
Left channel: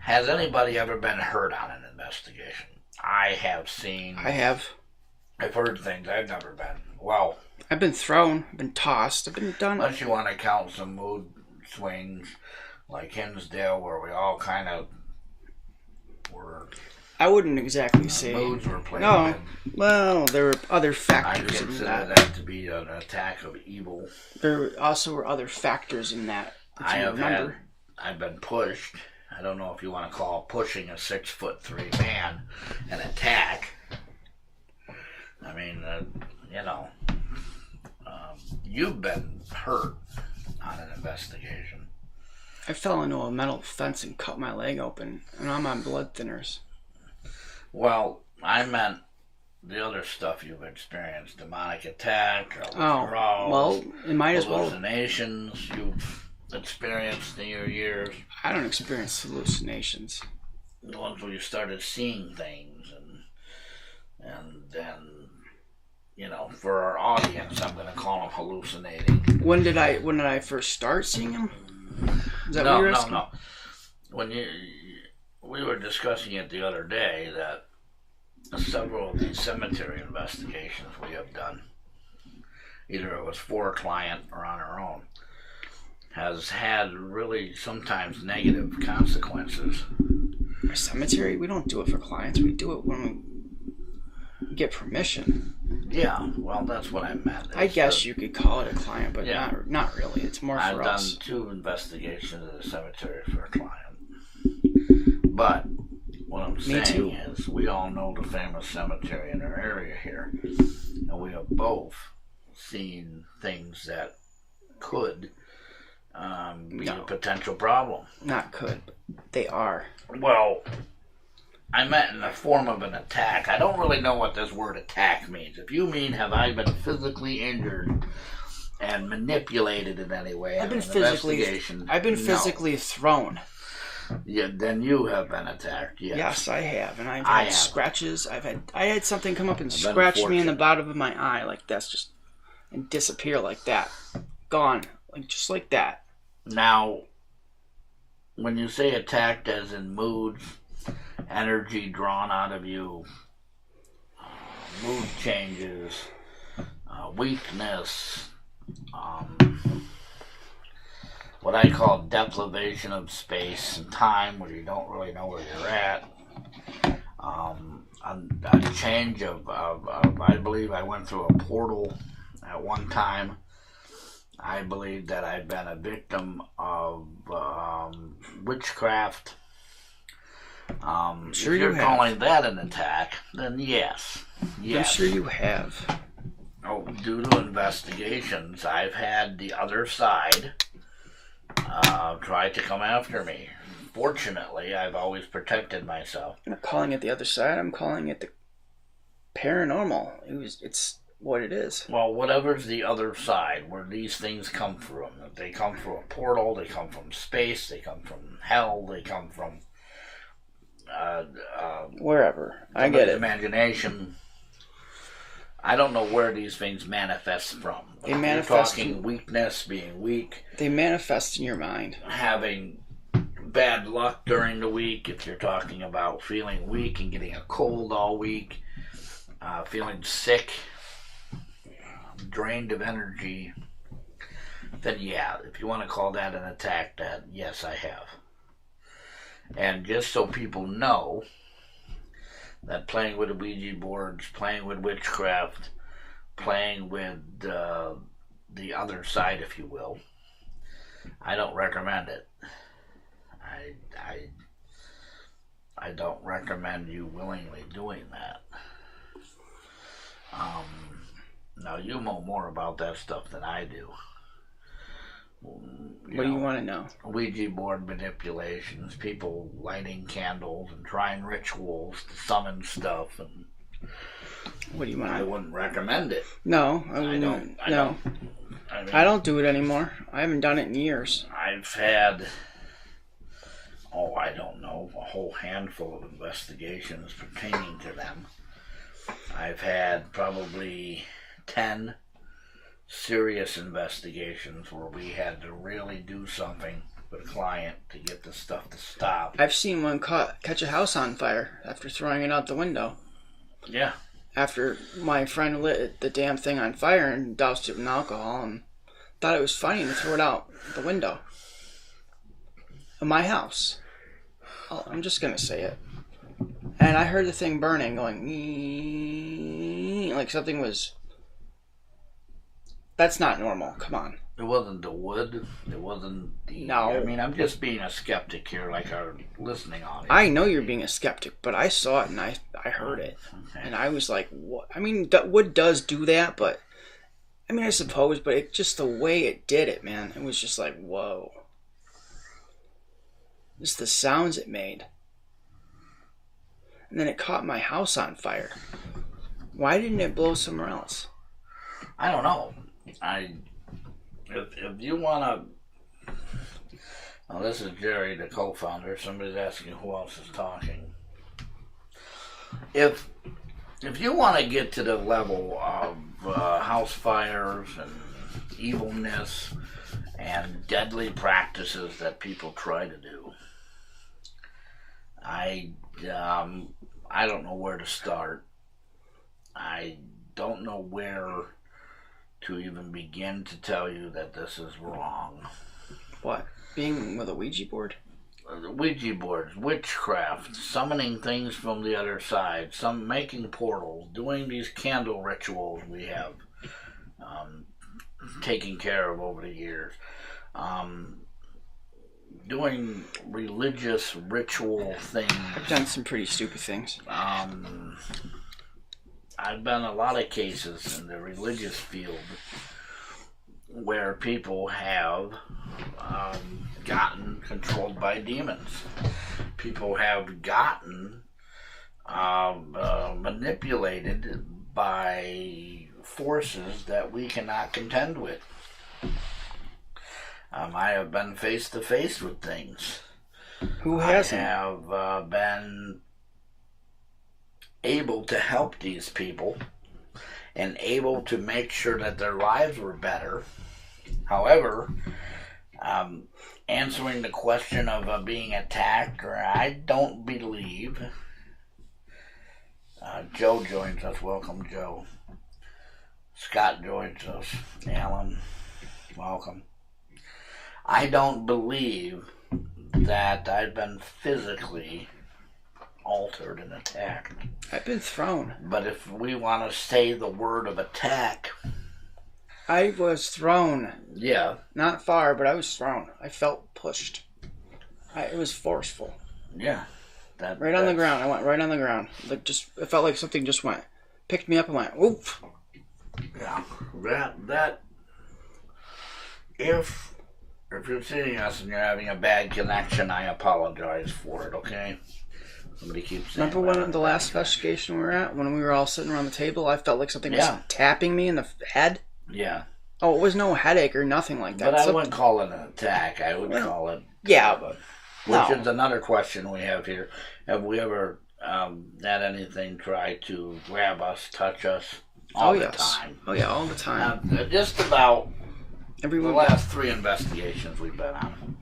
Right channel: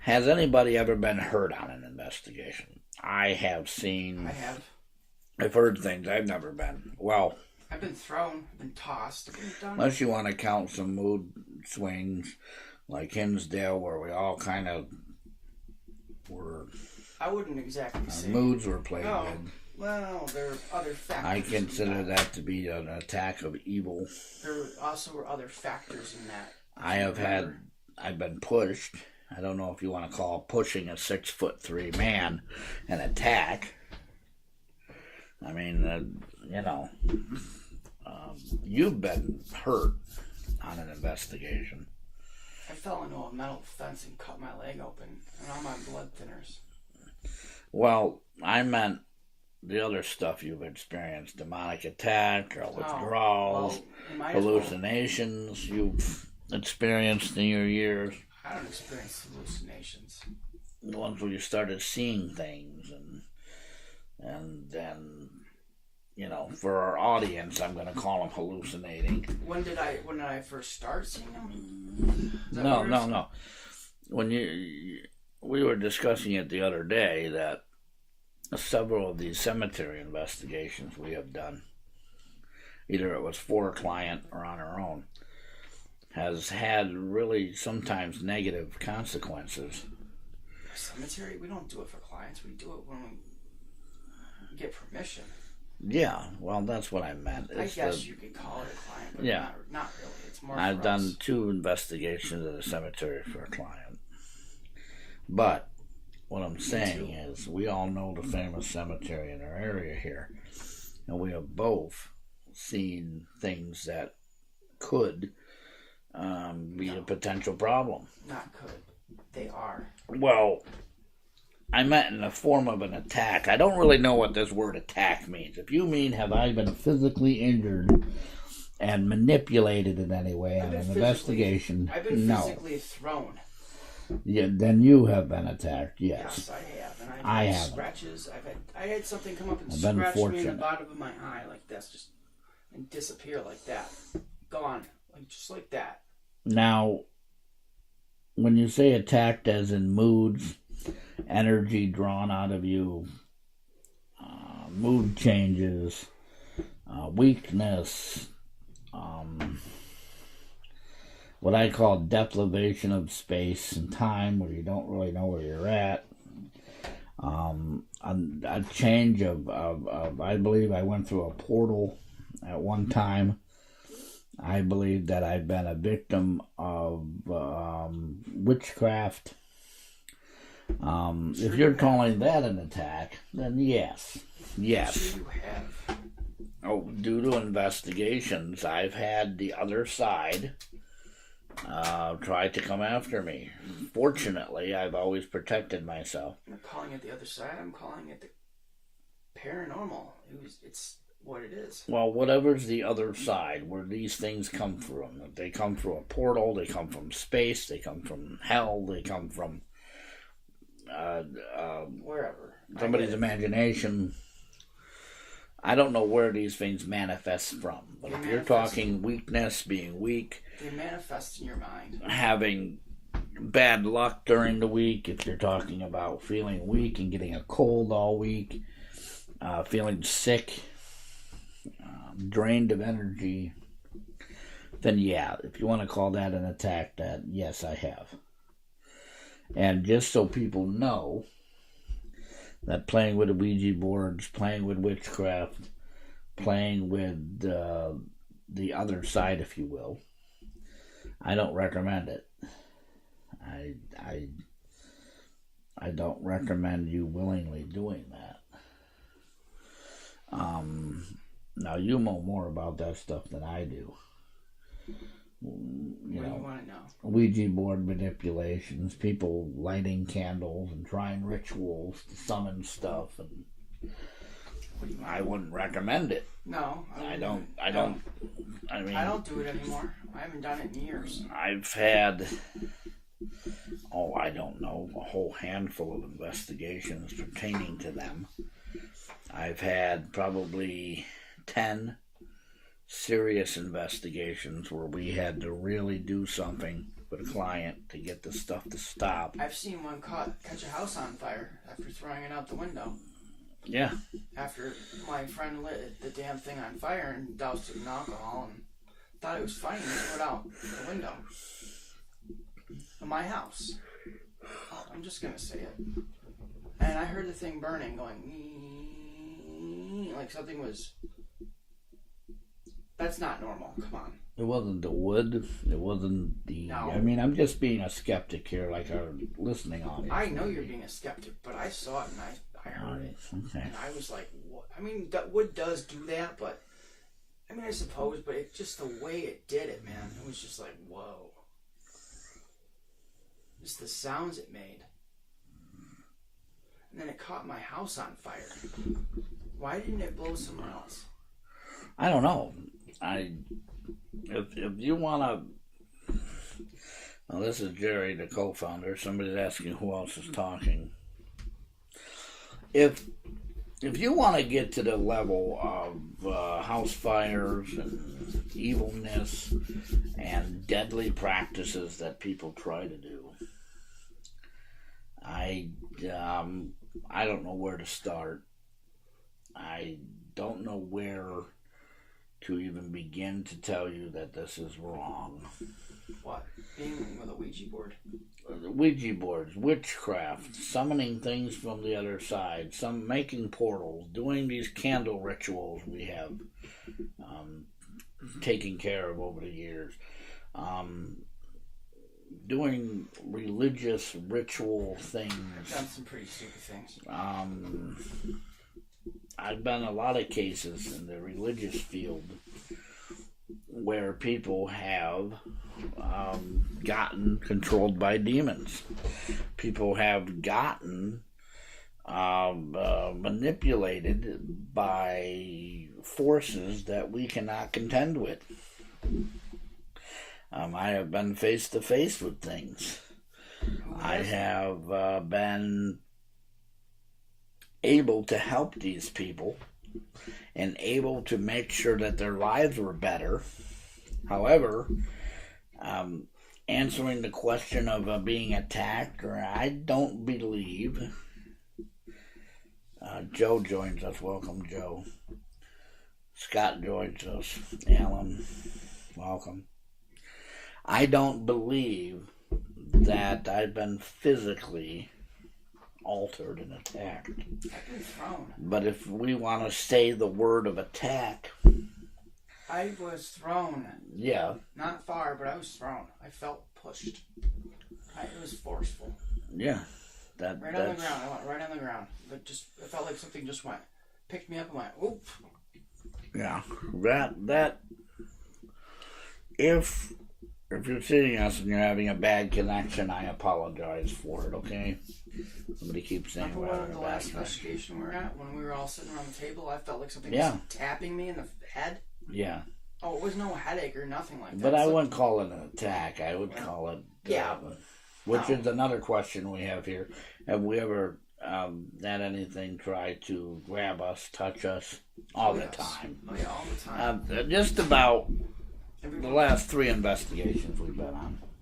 Has anybody ever been hurt on an investigation? I have seen. I have. I've heard things. I've never been. Well, I've been thrown. I've been tossed. I've been done. Unless you want to count some mood swings like Hinsdale, where we all kind of were. I wouldn't exactly say moods were playing. No, well, there were other factors. I consider that to be an attack of evil. There also were other factors in that. I've been pushed. I don't know if you want to call pushing a 6'3" man an attack. I mean, you've been hurt on an investigation. I fell into a metal fence and cut my leg open, and I'm on blood thinners. Well, I meant the other stuff you've experienced, demonic attack, or withdrawals, hallucinations you've experienced in your years. I don't experience hallucinations. The ones where you started seeing things, and then, for our audience, I'm going to call them hallucinating. When did I first start seeing them? Is that what you're asking? No. When we were discussing it the other day that several of these cemetery investigations we have done, either it was for a client or on our own, has had really sometimes negative consequences. Our cemetery, we don't do it for clients. We do it when we get permission. Yeah, well, that's what I meant. I guess you could call it a client, but not really. It's more for us. I've done 2 investigations at a cemetery for a client. But what I'm saying is we all know the famous cemetery in our area here. And we have both seen things that could be a potential problem. Not could. They are. Well, I meant in the form of an attack. I don't really know what this word attack means. If you mean have I been physically injured and manipulated in any way in an investigation? I've been physically thrown. Yeah, then you have been attacked. Yes, yes, I have, and I've had scratches. I had something come up and scratch me in the bottom of my eye, like that's just, and disappear like that, gone, like just like that. Now, when you say attacked, as in moods, energy drawn out of you, mood changes, weakness. What I call deprivation of space and time, where you don't really know where you're at. A change of I believe I went through a portal at one time. I believe that I've been a victim of witchcraft. Sure if you're you calling that an attack, then yes. I'm sure you have. Oh, due to investigations, I've had the other side try to come after me. Fortunately, I've always protected myself. I'm not calling it the other side. I'm calling it the paranormal. It's what it is. Well, whatever's the other side, where these things come from. If they come from a portal, they come from space, they come from hell, they come from wherever. I get it. Imagination. I don't know where these things manifest from. But if you're talking weakness, being weak. They manifest in your mind. Having bad luck during the week, if you're talking about feeling weak and getting a cold all week, feeling sick, drained of energy, then yeah, if you want to call that an attack, then yes, I have. And just so people know that playing with the Ouija boards, playing with witchcraft, playing with the other side, if you will, I don't recommend it. I don't recommend you willingly doing that. Now you know more about that stuff than I do. What do you want to know? Ouija board manipulations, people lighting candles and trying rituals to summon stuff, and what do you want? I wouldn't recommend it. No, I don't. I don't do it anymore. I haven't done it in years. I've had, I don't know, a whole handful of investigations pertaining to them. I've had probably 10 serious investigations where we had to really do something with a client to get the stuff to stop. I've seen one catch a house on fire after throwing it out the window. Yeah. After my friend lit the damn thing on fire and doused it in alcohol and thought it was funny to throw it out the window of my house. I'm just going to say it. And I heard the thing burning, going like something was... That's not normal. Come on. It wasn't the wood. It wasn't the... No. I mean, I'm just being a skeptic here, like our listening audience. I know you're being a skeptic, but I saw it and I heard it. Okay. And I was like, what? I mean, wood does do that, but... I mean, I suppose, but it just the way it did it, man. It was just like, whoa. Just the sounds it made. And then it caught my house on fire. Why didn't it blow somewhere else? I don't know. If you want to... Now, this is Jerry, the co-founder. Somebody's asking who else is talking. If you want to get to the level of house fires and evilness and deadly practices that people try to do, I don't know where to start. I don't know where to even begin to tell you that this is wrong. What? Being with a Ouija board? The Ouija boards, witchcraft, summoning things from the other side, some making portals, doing these candle rituals we have taken care of over the years, doing religious ritual things. I've done some pretty stupid things. I've been in a lot of cases in the religious field where people have gotten controlled by demons. People have gotten manipulated by forces that we cannot contend with. I have been face to face with things. Who hasn't? I have been able to help these people and able to make sure that their lives were better. However, answering the question of being attacked, or I don't believe. Joe joins us. Welcome, Joe. Scott joins us. Alan, welcome. I don't believe that I've been physically altered and attacked. I've been thrown. But if we want to say the word of attack... I was thrown. Yeah. Not far, but I was thrown. I felt pushed. It was forceful. Yeah. Right on the ground. I went right on the ground. Like it felt like something just picked me up and went, oof. Yeah, that. If you're seeing us and you're having a bad connection, I apologize for it. Okay. Somebody keeps saying. Remember when the last investigation we were at, when we were all sitting around the table, I felt like something was tapping me in the head. Yeah. Oh, it was no headache or nothing like that. But I wouldn't call it an attack. I would call it. Yeah. Which is another question we have here. Have we ever had anything try to grab us, touch us all the time? Oh, yeah, all the time. Just about the Everyone. last 3 investigations we've been on,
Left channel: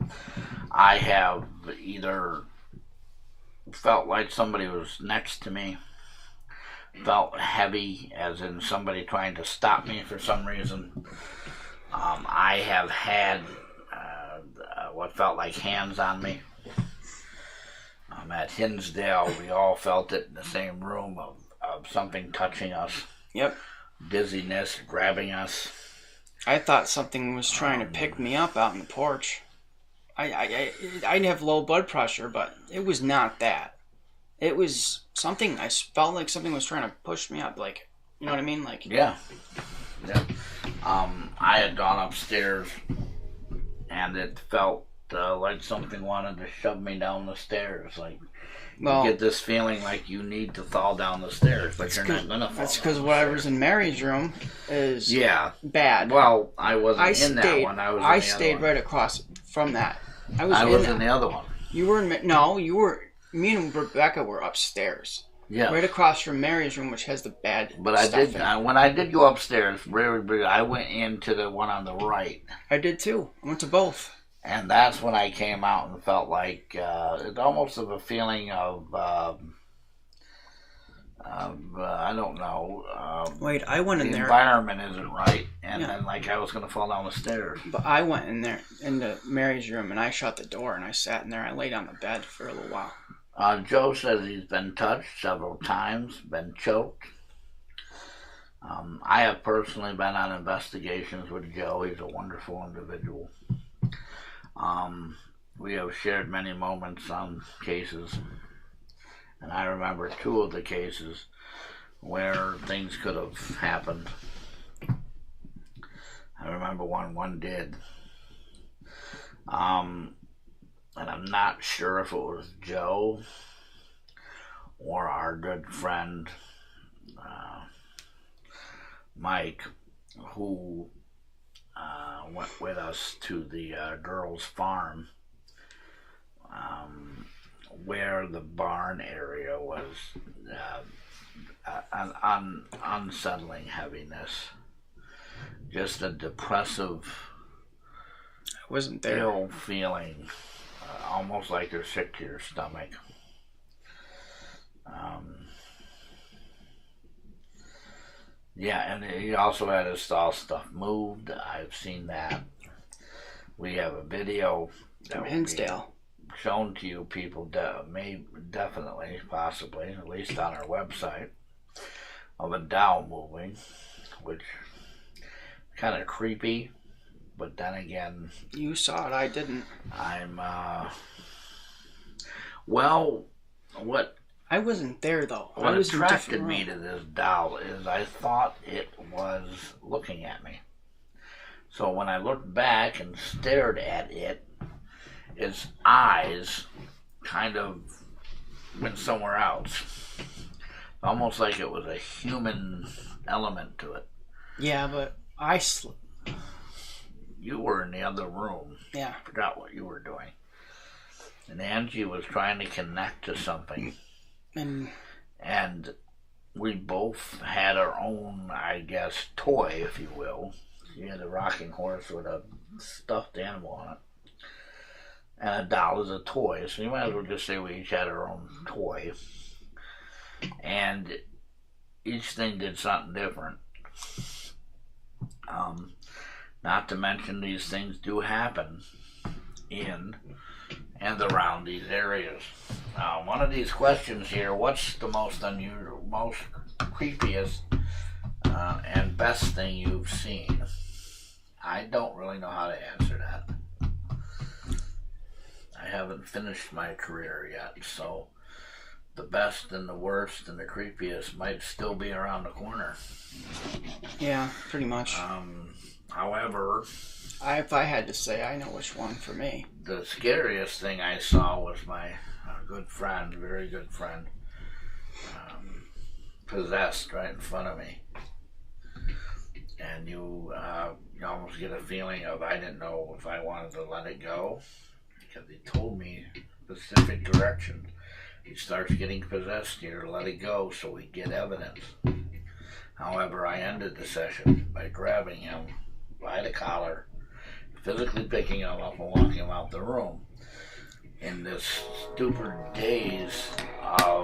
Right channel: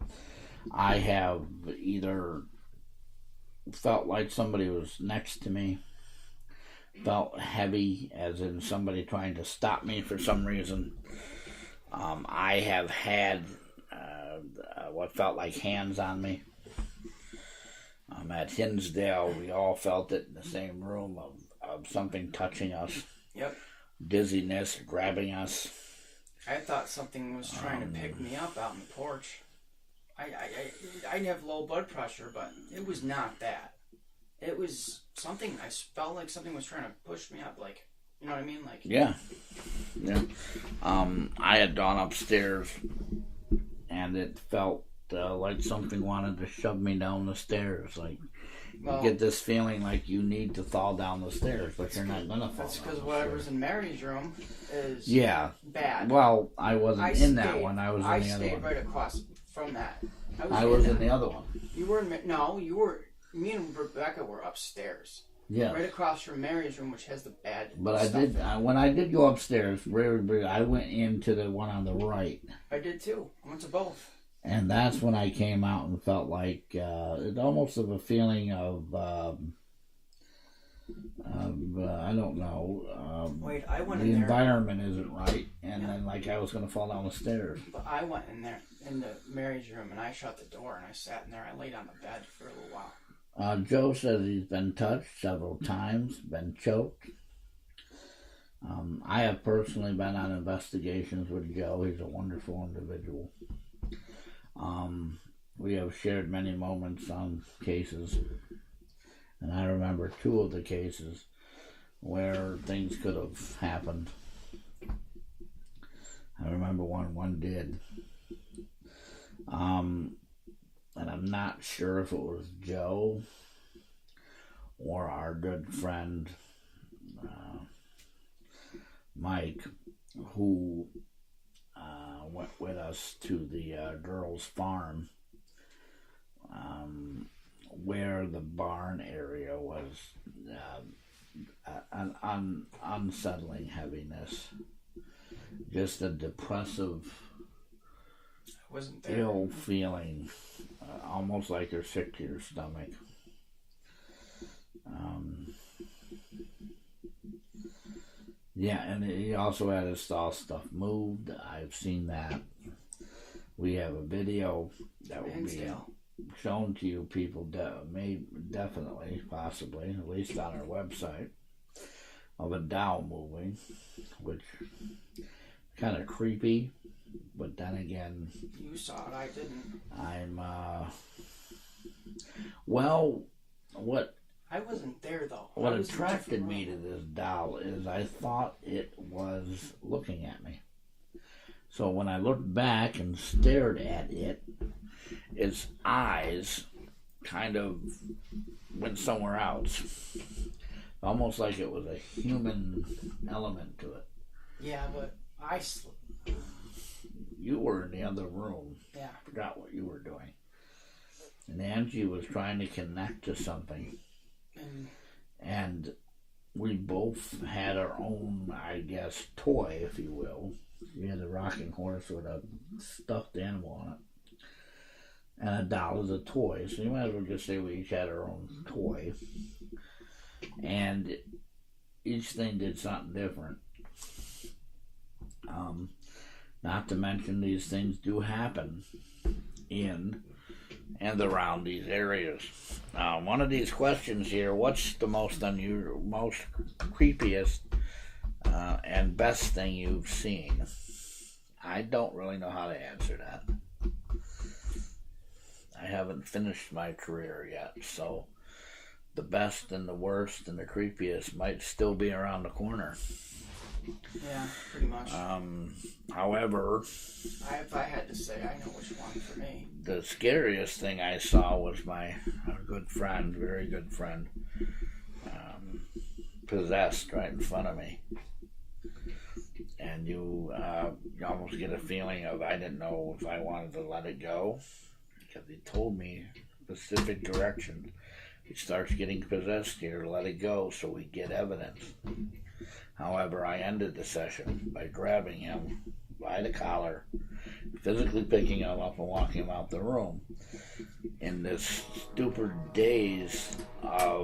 I have either felt like somebody was next to me, felt heavy, as in somebody trying to stop me for some reason. I have had what felt like hands on me. At Hinsdale, we all felt it in the same room of something touching us. Yep. Dizziness, grabbing us. I thought something was trying to pick me up out on the porch. I have low blood pressure, but it was not that. It was something. I felt like something was trying to push me up. Like, you know what I mean? Like. Yeah. I had gone upstairs, and it felt like something wanted to shove me down the stairs. Like, you get this feeling like you need to fall down the stairs, but you're not gonna fall. That's because whatever's in Mary's room is bad. Well, I wasn't in that one. I stayed right across from that. I was in the other one. You were you were. Me and Rebecca were upstairs. Yeah. Right across from Mary's room, which has the bad. But when I did go upstairs, I went into the one on the right. I did too. I went to both. And that's when I came out and felt like it's almost of a feeling of I don't know. Wait, I went in there. The environment isn't right, and then like I was going to fall down the stairs. But I went in there into Mary's room, and I shut the door, and I sat in there. I laid on the bed for a little while. Joe says he's been touched several times, been choked. I have personally been on investigations with Joe. He's a wonderful individual. We have shared many moments on cases, and I remember 2 of the cases where things could have happened. I remember one did. And I'm not sure if it was Joe or our good friend Mike, who went with us to the girls' farm, where the barn area was an unsettling heaviness, just a depressive, I wasn't there. Ill feeling, almost like you're sick to your stomach. And he also had his stall stuff moved. I've seen that. We have a video that will be shown to you people, definitely, possibly, at least on our website, of a dowel moving, which is kind of creepy, but then again... You saw it, I didn't. What... I wasn't there, though. What attracted me to this doll is I thought it was looking at me. So when I looked back and stared at it, its eyes kind of went somewhere else. Almost like it was a human element to it. Yeah, but you were in the other room. Yeah. I forgot what you were doing. And Angie was trying to connect to something. And we both had our own, I guess, toy, if you will. You had a rocking horse with a stuffed animal on it. And a doll is a toy. So you might as well just say we each had our own toy. And each thing did something different. Not to mention these things do happen in and around these areas. One of these questions here, what's the most unusual, most creepiest and best thing you've seen? I don't really know how to answer that. I haven't finished my career yet, so the best and the worst and the creepiest might still be around the corner. Yeah, pretty much. However, if I had to say, I know which one for me. The scariest thing I saw was my good friend, very good friend, possessed right in front of me. And you almost get a feeling of, I didn't know if I wanted to let it go, because he told me specific directions. He starts getting possessed here, let it go so we get evidence. However, I ended the session by grabbing him by the collar, physically picking him up and walking him out the room in this stupid daze of,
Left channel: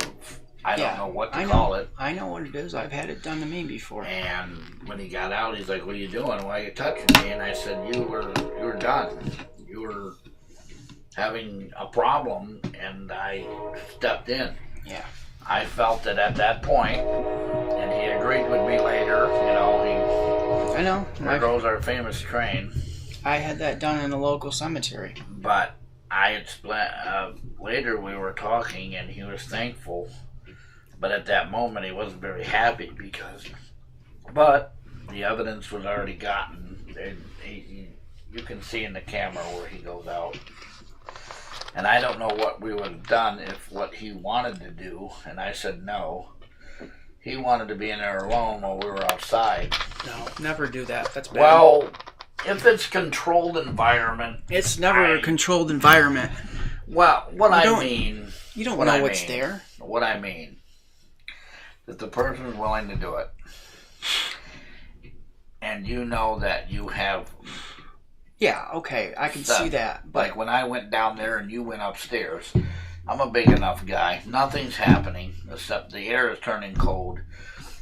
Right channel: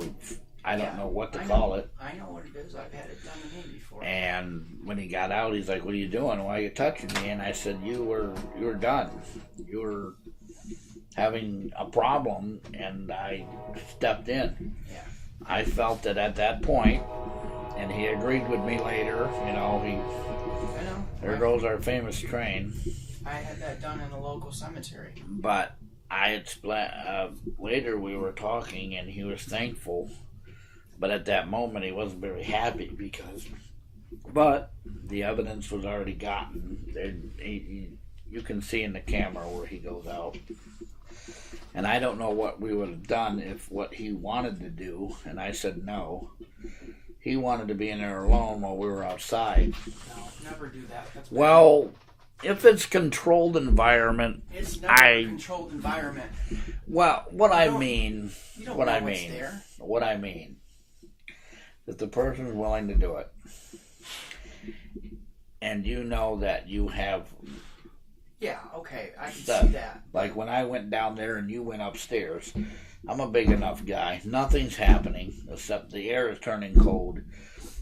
I don't know what to call it. I know what it is. I've had it done to me before. And when he got out, he's like, "What are you doing? Why are you touching me?" And I said, you were done. You were having a problem, and I stepped in. Yeah. I felt that at that point, and he agreed with me later, I know. There goes our famous train. I had that done in a local cemetery. But I explained, later we were talking, and he was thankful. But at that moment, he wasn't very happy but the evidence was already gotten. You can see in the camera where he goes out. And I don't know what we would have done if what he wanted to do, and I said no. He wanted to be in there alone while we were outside. No, never do that. That's bad. Well, if it's controlled environment... It's never a controlled environment. Well, I mean... You don't know what's there. What I mean, if the person is willing to do it, and you know that you have... Yeah, okay, I can see that. But like when I went down there and you went upstairs, I'm a big enough guy. Nothing's happening except the air is turning cold.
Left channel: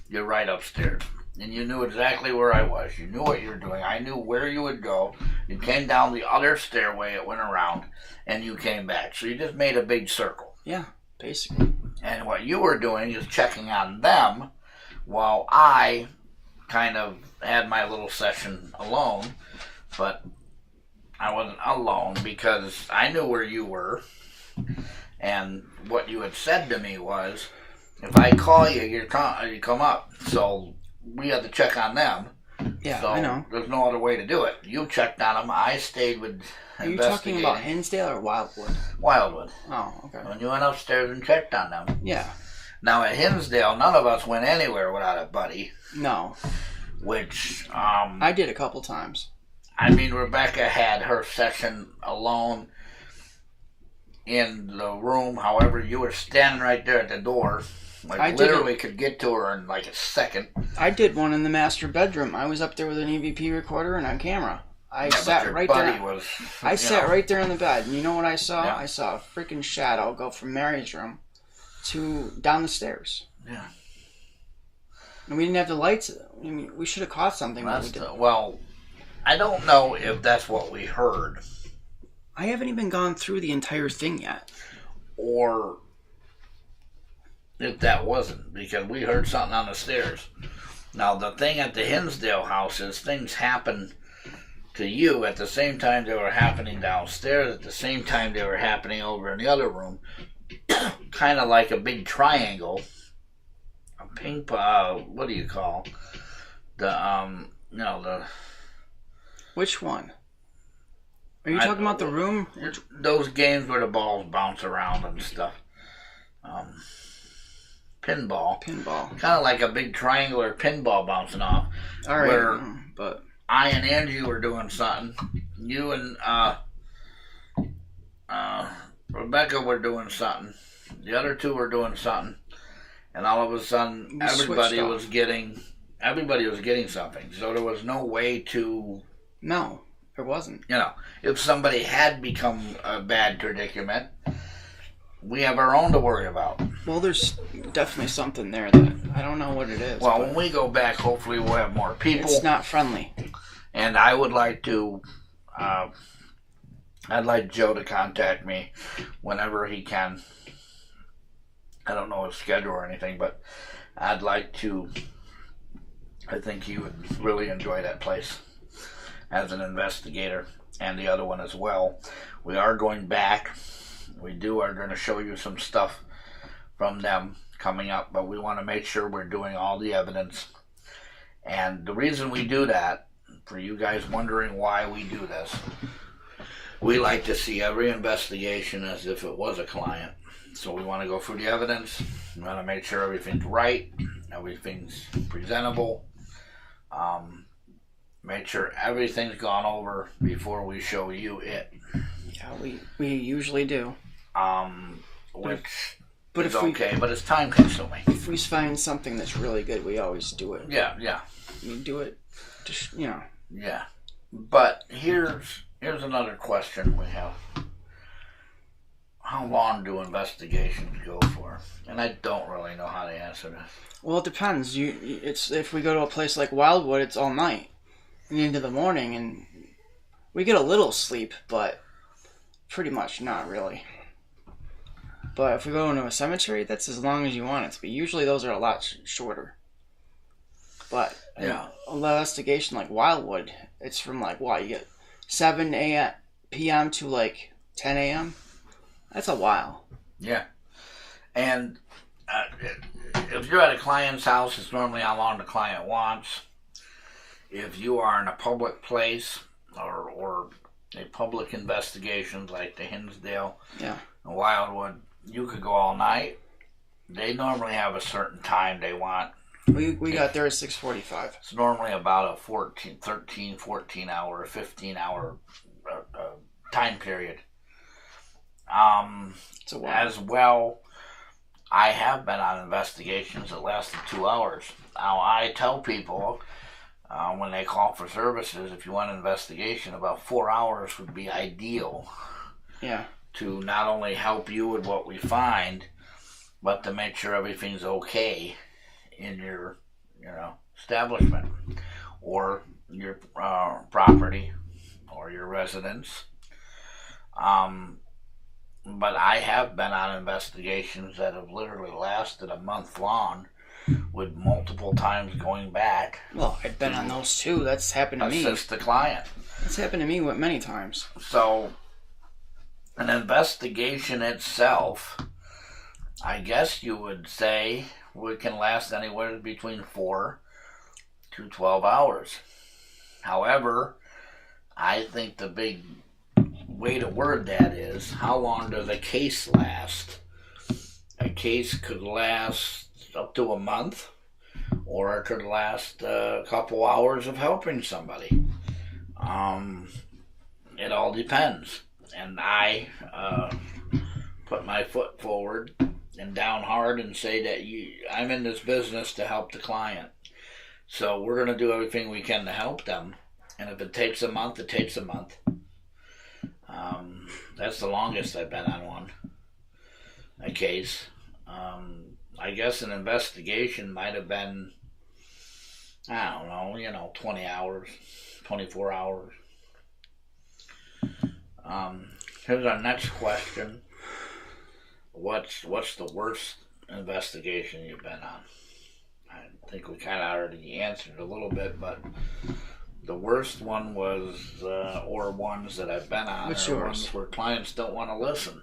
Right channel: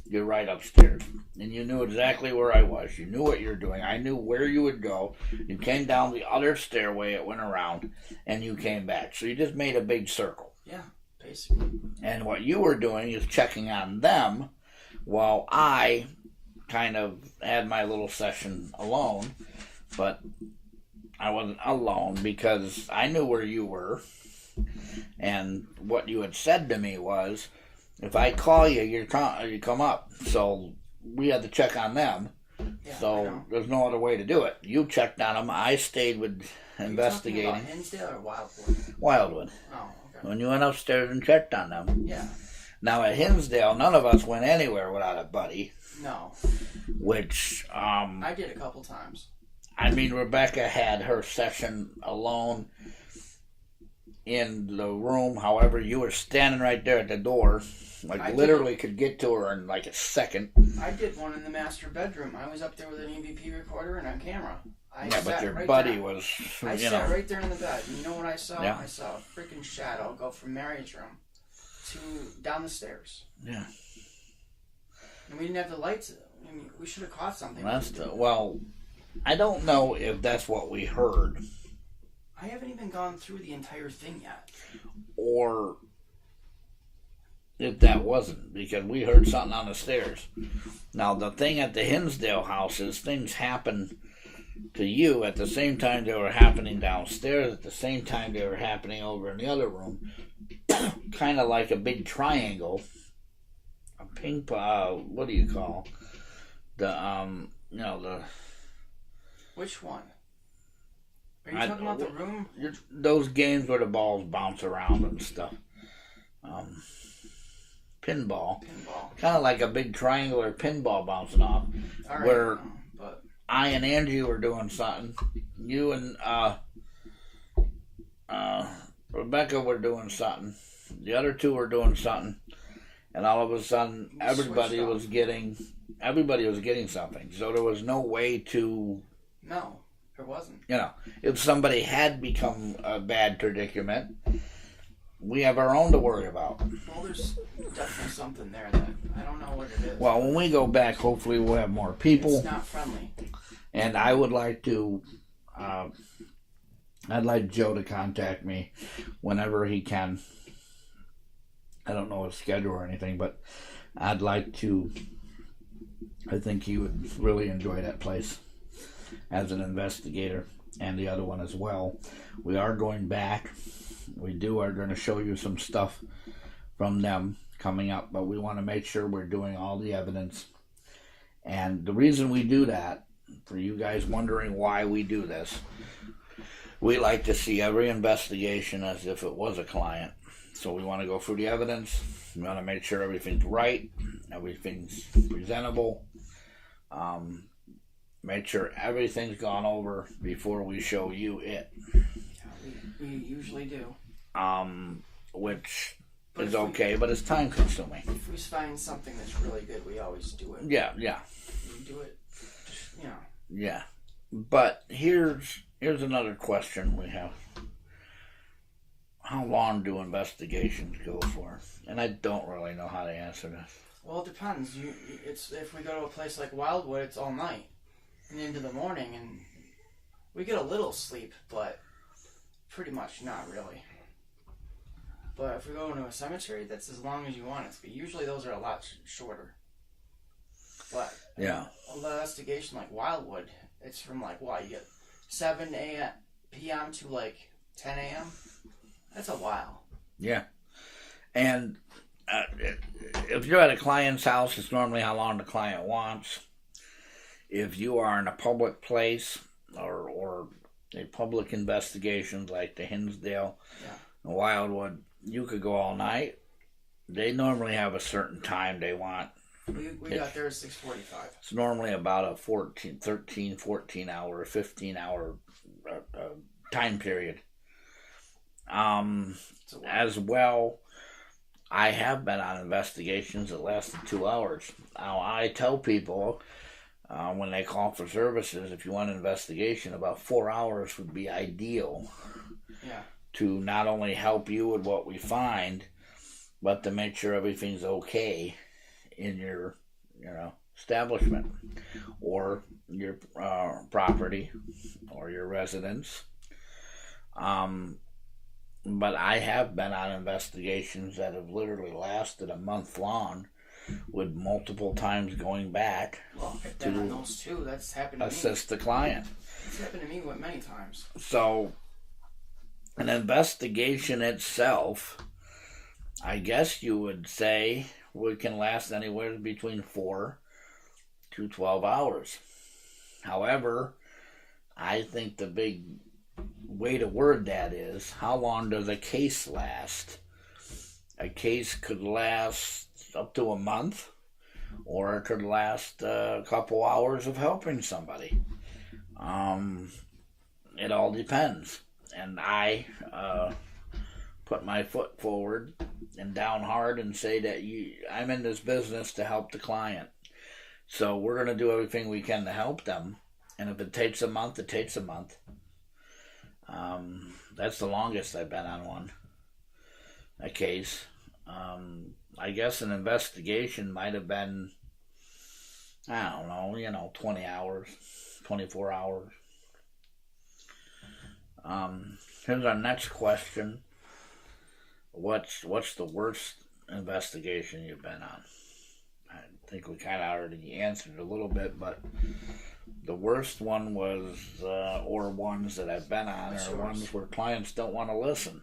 You're right upstairs. And you knew exactly where I was. You knew what you were doing. I knew where you would go. You came down the other stairway, it went around, and you came back. So you just made a big circle. Yeah, basically. And what you were doing is checking on them while I kind of had my little session alone. But I wasn't alone because I knew where you were. And what you had said to me was, if I call you, you come up. So we had to check on them. Yeah, so I know. There's no other way to do it. You checked on them. I stayed with investigating. Are you talking about Hinsdale or Wildwood? Wildwood. Oh, okay. When you went upstairs and checked on them. Yeah. Now at Hinsdale, none of us went anywhere without a buddy. No. Which, I did a couple times. I mean, Rebecca had her session alone in the room. However, you were standing right there at the door. I literally could get to her in like a second. I did one in the master bedroom. I was up there with an EVP recorder and on camera. I sat right there. I sat right there on the bed. And you know what I saw? Yeah. I saw a freaking shadow go from Mary's room to down the stairs. Yeah. And we didn't have the lights. I mean, we should have caught something. Well, I don't know if that's what we heard. I haven't even gone through the entire thing yet. Or if that wasn't, because we heard something on the stairs. Now, the thing at the Hinsdale house is things happen to you at the same time they were happening downstairs, at the same time they were happening over in the other room. Kind of like a big triangle. A ping pong, what do you call the Which one? Are you talking about the room? Those games where the balls bounce around and stuff. Pinball. Kind of like a big triangular pinball bouncing off. All right. Where I and Angie were doing something. You and Rebecca were doing something. The other two were doing something. And all of a sudden, everybody was getting something. So there was no way to... No, there wasn't. If somebody had become a bad predicament, we have our own to worry about. Well, there's definitely something there that I don't know what it is. Well, when we go back, hopefully we'll have more people. It's not friendly. And I would like to... I'd like Joe to contact me whenever he can. I don't know his schedule or anything, but I'd like to... I think he would really enjoy that place as an investigator, and the other one as well. We are going back. We are going to show you some stuff from them coming up, but we want to make sure we're doing all the evidence. And the reason we do that, for you guys wondering why we do this, we like to see every investigation as if it was a client. So we want to go through the evidence. We want to make sure everything's right, everything's presentable. Make sure everything's gone over before we show you it. Yeah, we usually do. Which is okay, but it's time consuming. If we find something that's really good, we always do it. Yeah. We do it, just, Yeah. But here's another question we have. How long do investigations go for? And I don't really know how to answer this. Well, it depends. It's if we go to a place like Wildwood, it's all night and into the morning, and we get a little sleep, but pretty much not really. But if we go into a cemetery, that's as long as you want it to be. Usually those are a lot shorter. But yeah, an investigation like Wildwood, it's from like what, you get 7 p.m. to like 10 a.m. That's a while. Yeah, and if you're at a client's house, it's normally how long the client wants. If you are in a public place or a public investigation like the Hinsdale, and Wildwood, you could go all night. They normally have a certain time they want. We got there at 6:45. It's normally about a 14 hour, 15 hour time period. As well, I have been on investigations that lasted 2 hours. Now, I tell people when they call for services, if you want an investigation, about 4 hours would be ideal. Yeah. To not only help you with what we find, but to make sure everything's okay in your, establishment or your property or your residence. But I have been on investigations that have literally lasted a month long, with multiple times going back. Well, I've been on those too. That's happened to me. Assist the client. It's happened to me many times. So, an investigation itself, I guess you would say, can last anywhere between 4 to 12 hours. However, I think the big way to word that is, how long does a case last? A case could last up to a month, or it could last a couple hours of helping somebody. It all depends. And I put my foot forward and down hard and say that I'm in this business to help the client. So we're going to do everything we can to help them. And if it takes a month, it takes a month. That's the longest I've been on a case. I guess an investigation might have been, I don't know, 20 hours, 24 hours. Here's our next question. What's the worst investigation you've been on? I think we kind of already answered a little bit, but the worst one was, or ones that I've been on, are ones where clients don't want to listen.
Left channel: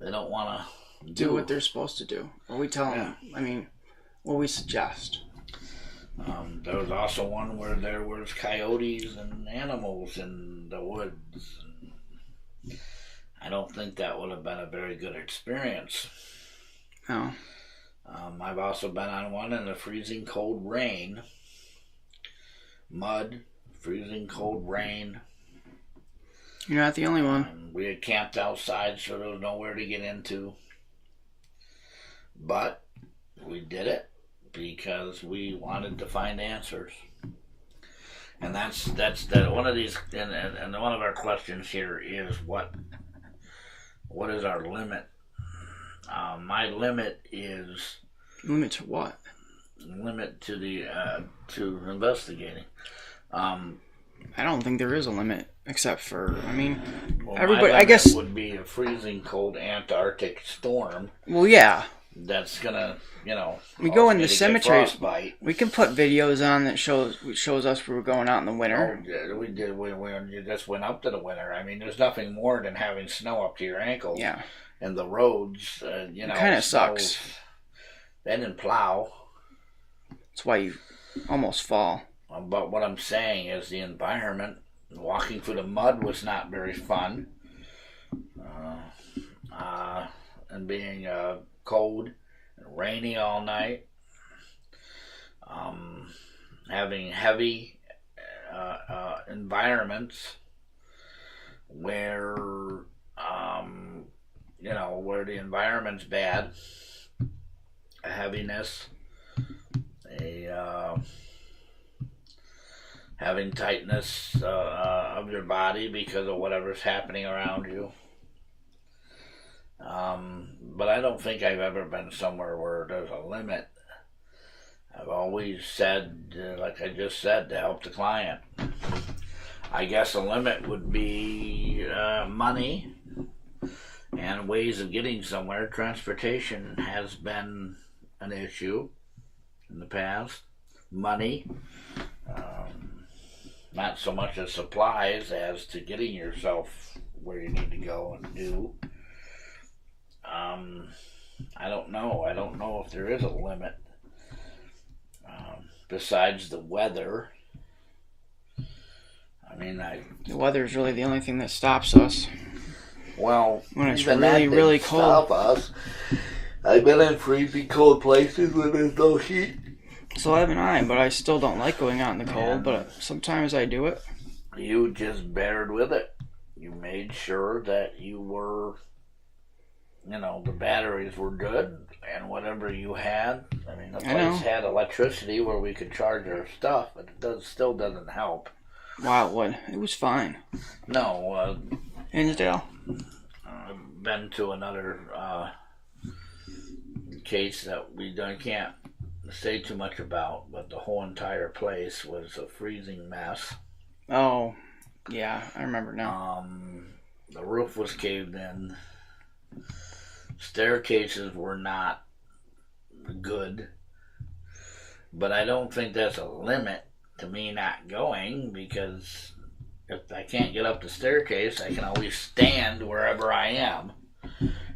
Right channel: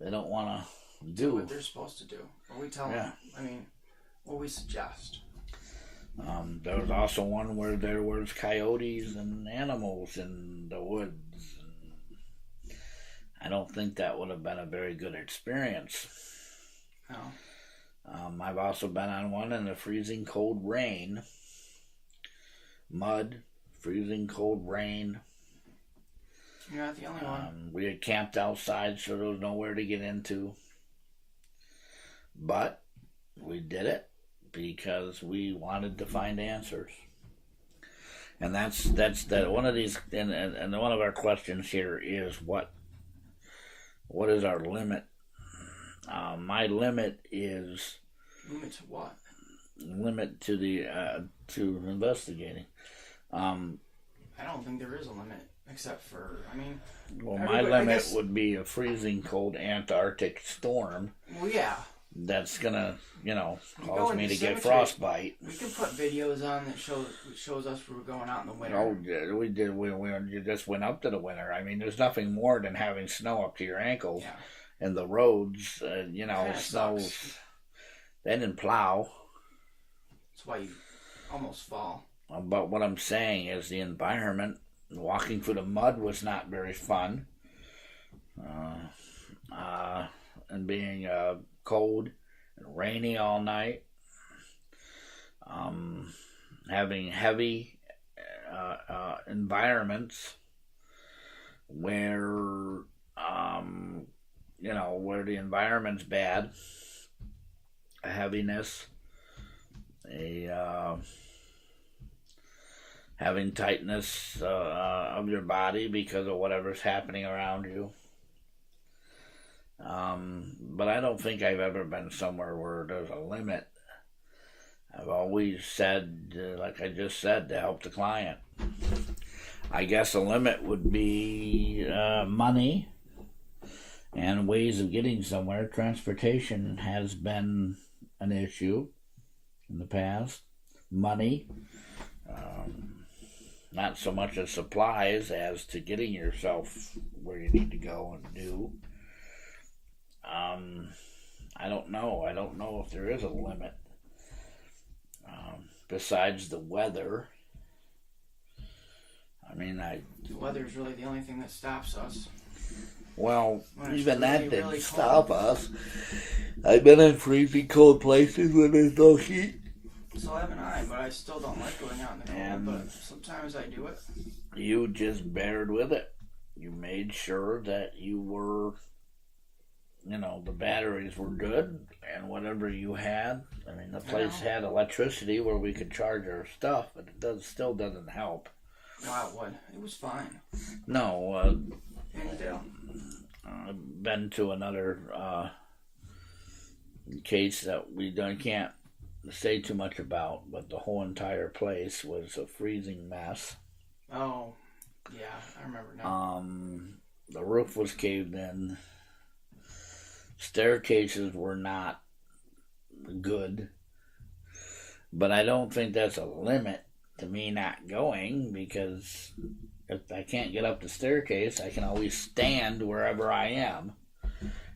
They don't want to do what they're supposed to do. Or we tell them, what we suggest. There was also one where there was coyotes and animals in the woods. I don't think that would have been a very good experience. No. I've also been on one in the freezing cold rain. Mud, freezing cold rain. You're not the only one. We had camped outside, so there was nowhere to get into. But we did it because we wanted to find answers. And that's one of these, and one of our questions here is what is our limit? My limit is... Limit to what? Limit to the to investigating. I don't think there is a limit, except for, everybody. I guess would be a freezing cold Antarctic storm. Well, yeah. That's gonna, we go in the cemetery. We can put videos on that shows us we were going out in the winter. Oh, we did. We just went up to the winter. There's nothing more than having snow up to your ankles. Yeah. and the roads, kind of sucks. They didn't plow. That's why you almost fall. But what I'm saying is the environment, walking through the mud was not very fun. And being cold and rainy all night. Having heavy environments where, where the environment's bad, a heaviness, having tightness of your body because of whatever's happening around you. But I don't think I've ever been somewhere where there's a limit. I've always said, like I just said, to help the client. I guess a limit would be money and ways of getting somewhere. Transportation has been an issue in the past. Money, not so much as supplies as to getting yourself where you need to go and do. I don't know. I don't know if there is a limit besides the weather. I mean, the weather is really the only thing that stops us. Well, when it's really, really cold. Stop us. I've been in freezing cold places when there's no heat. So haven't I, but I still don't like going out in the cold. But sometimes I do it. You just bared with it. You made sure that you were, the batteries were good and whatever you had. I mean, the place had electricity where we could charge our stuff, but it still doesn't help. Wow, it would. It was fine. No, Hinsdale. I've been to another case that I can't say too much about, but the whole entire place was a freezing mess. Oh, yeah, I remember now. The roof was caved in. Staircases were not good, but I don't think there's a limit to me not going, because if I can't get up the staircase, I can always stand wherever I am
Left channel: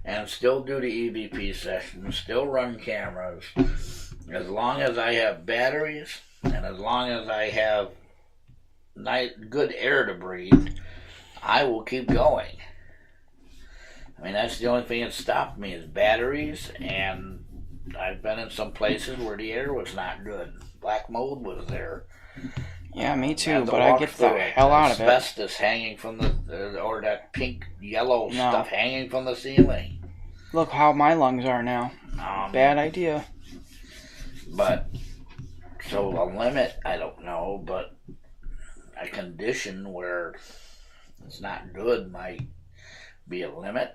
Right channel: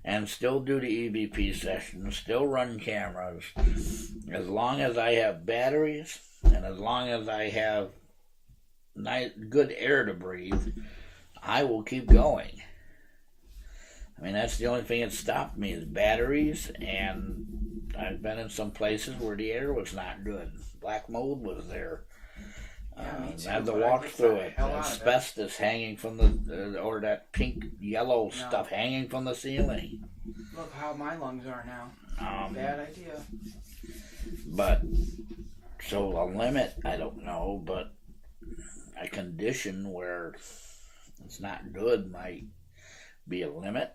and still do the EVP sessions, still run cameras. As long as I have batteries and as long as I have good air to breathe, I will keep going. I mean, that's the only thing that stopped me is batteries, and I've been in some places where the air was not good. Black mold was there. Yeah, me too, but I get the hell out of it. Asbestos hanging from or that pink, yellow stuff hanging from the ceiling. Look how my lungs are now. Bad idea. But, so a limit, I don't know, but a condition where it's not good might be a limit.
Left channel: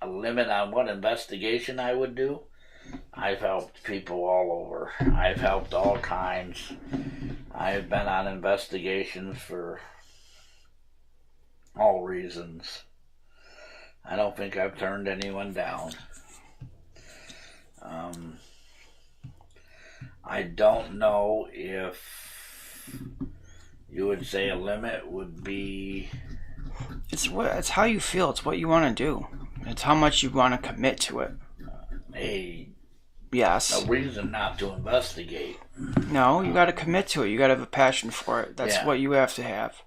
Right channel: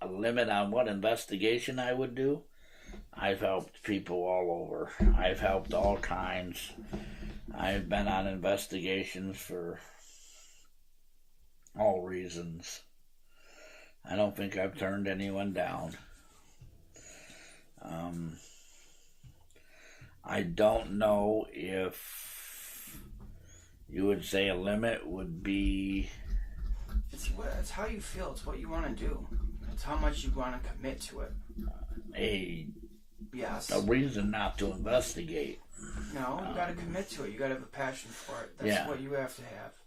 A limit on what investigation I would do. I've helped people all over. I've helped all kinds. I've been on investigations for all reasons. I don't think I've turned anyone down. I don't know if you would say a limit would be... It's how you feel. It's what you want to do. It's how much you want to commit to it. Yes. A reason not to investigate. No, you got to commit to it. You got to have a passion for it. That's what you have to have.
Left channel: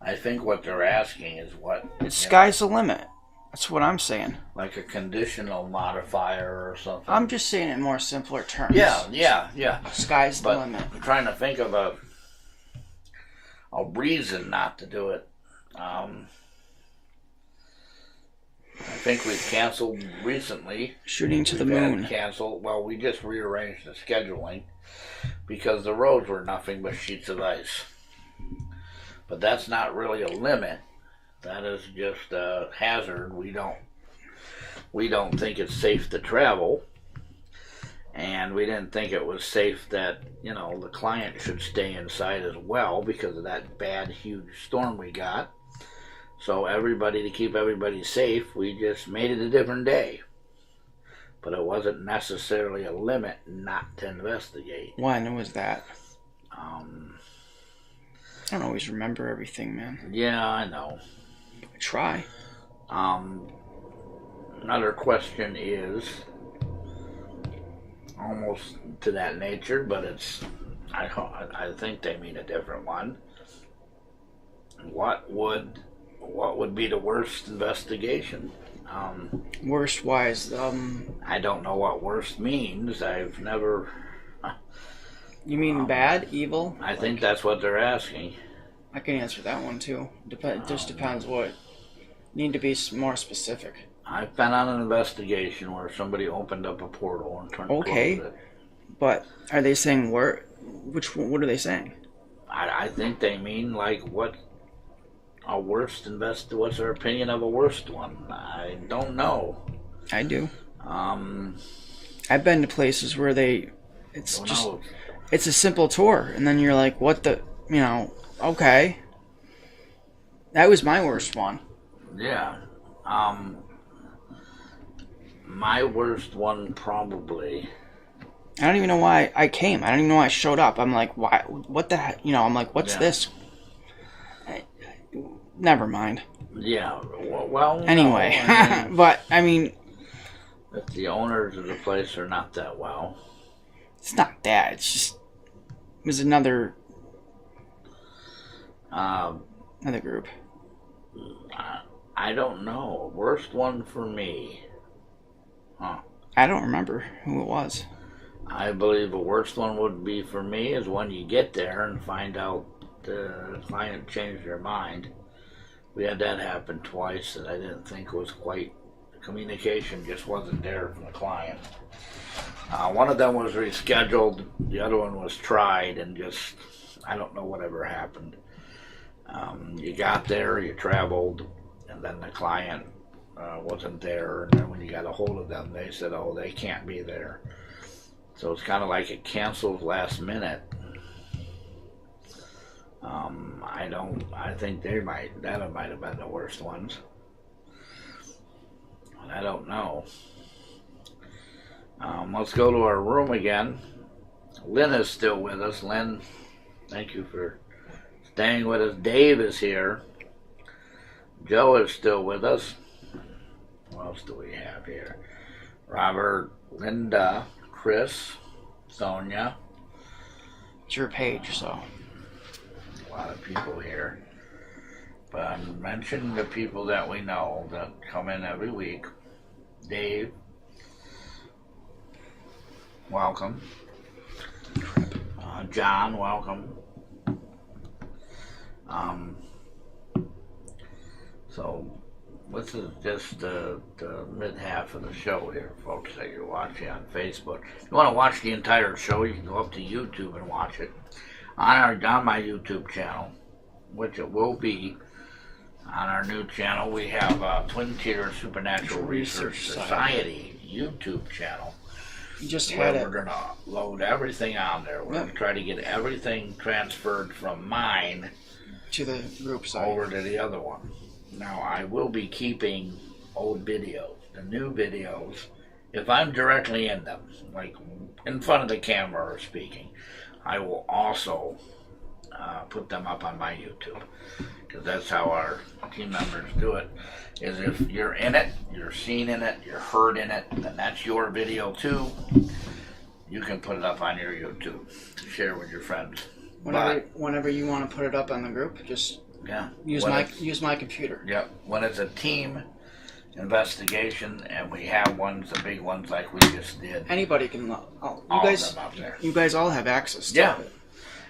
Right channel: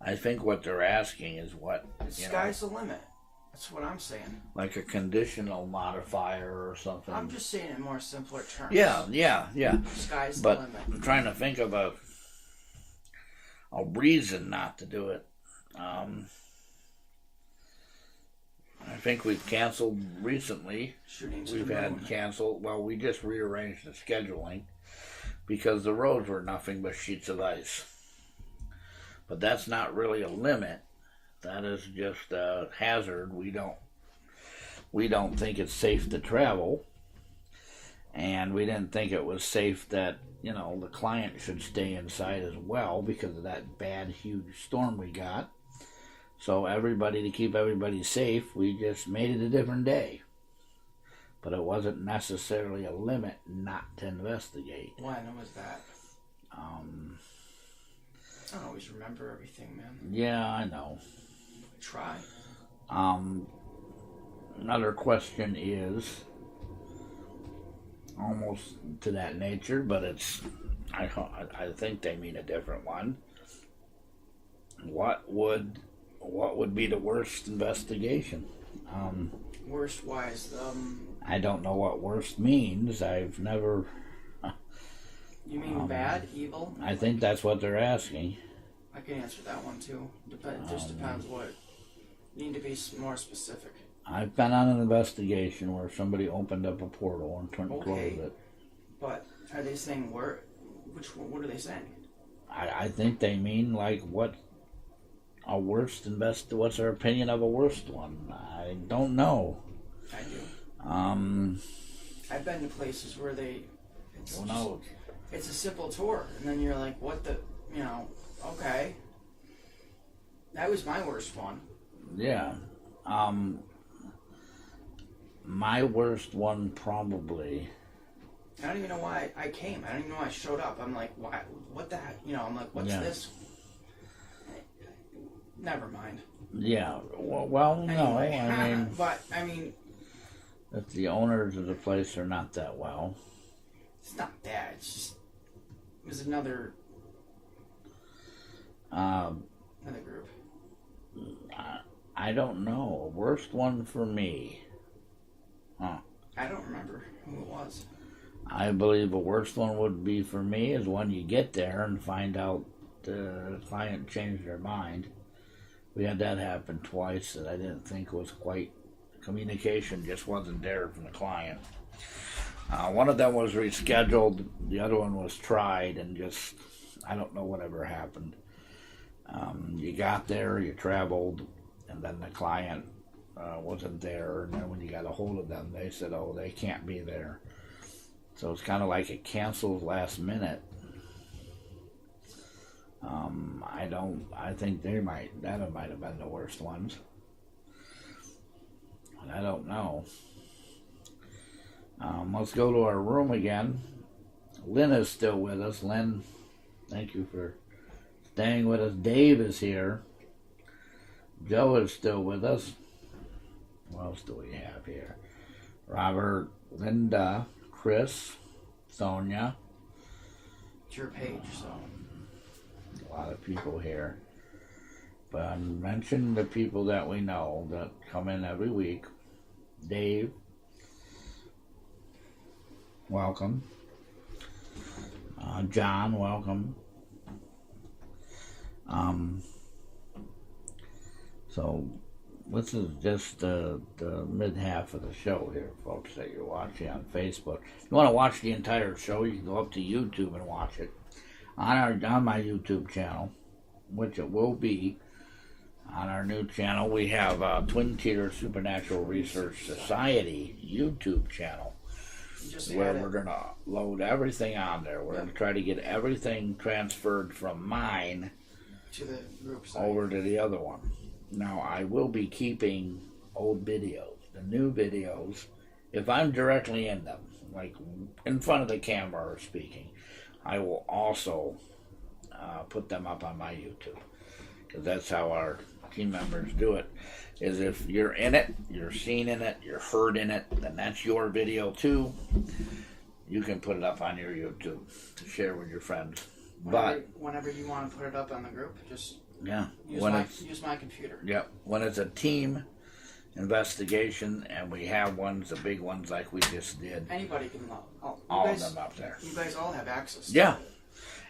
I think what they're asking is what... Sky's the limit. That's what I'm saying. Like a conditional modifier or something. I'm just saying it in more simpler terms. Yeah. Sky's the limit. I'm trying to think of a reason not to do it. I think we've canceled recently. Shooting to the moon. Canceled. Well, we just rearranged the scheduling because the roads were nothing but sheets of ice. But that's not really a limit. That is just a hazard. We don't think it's safe to travel, and we didn't think it was safe that the client should stay inside as well because of that bad, huge storm we got. So to keep everybody safe, we just made it a different day. But it wasn't necessarily a limit not to investigate. When was that? I don't always remember everything, man. Yeah, I know. I try. Another question is almost to that nature, but I think they mean a different one. What would be the worst investigation? Worst wise, I don't know what worst means. I've never. You mean bad, evil? I think that's what they're asking. I can answer that one too. Just depends what. Need to be more specific. I've been on an investigation where somebody opened up a portal and closed it. But are they saying where? What are they saying? I think they mean like what a worst what's our opinion of a worst one? I don't know. I do. I've been to places where it's a simple tour, and then you're like, what the, okay. That was my worst one. Yeah. My worst one probably. I don't even know why I came. I don't even know why I showed up. I'm like, why? What the heck? I'm like, what's this? Never mind. Yeah. Well. Anyway, no, I mean, but I mean, if the owners of the place are not that well. It's not that. It's just it was another group. I don't know. Worst one for me. I don't remember who it was. I believe the worst one would be for me is when you get there and find out the client changed their mind. We had that happen twice that I didn't think was quite. Communication just wasn't there from the client. One of them was rescheduled. The other one was tried and just, I don't know whatever happened. You got there, you traveled, and then the client wasn't there. And then when you got a hold of them, they said, oh, they can't be there. So it's kind of like it canceled last minute. I think that might have been the worst ones. I don't know. Let's go to our room again. Lynn is still with us. Lynn, thank you for staying with us. Dave is here. Joe is still with us. What else do we have here? Robert, Linda, Chris, Sonia. It's your page, so. A lot of people here. But I mentioned the people that we know that come in every week. Dave, welcome. John, welcome. So this is just the mid half of the show here, folks, that you're watching on Facebook. If you want to watch the entire show, you can go up to YouTube and watch it on my YouTube channel, which it will be. On our new channel, we have Twin Tier Supernatural Research Society YouTube channel. We're going to load everything on there. We're going to try to get everything transferred from mine to the group site over to the other one. Now, I will be keeping old videos, the new videos, if I'm directly in them, like in front of the camera or speaking. I will also put them up on my YouTube, because that's how our team members do it. Is if you're in it, you're seen in it, you're heard in it, then that's your video too. You can put it up on your YouTube to share with your friends. Whenever you want to put it up on the group, just use my computer. Yep. When it's a team investigation and we have the big ones like we just did. Anybody can. You guys all have access to it.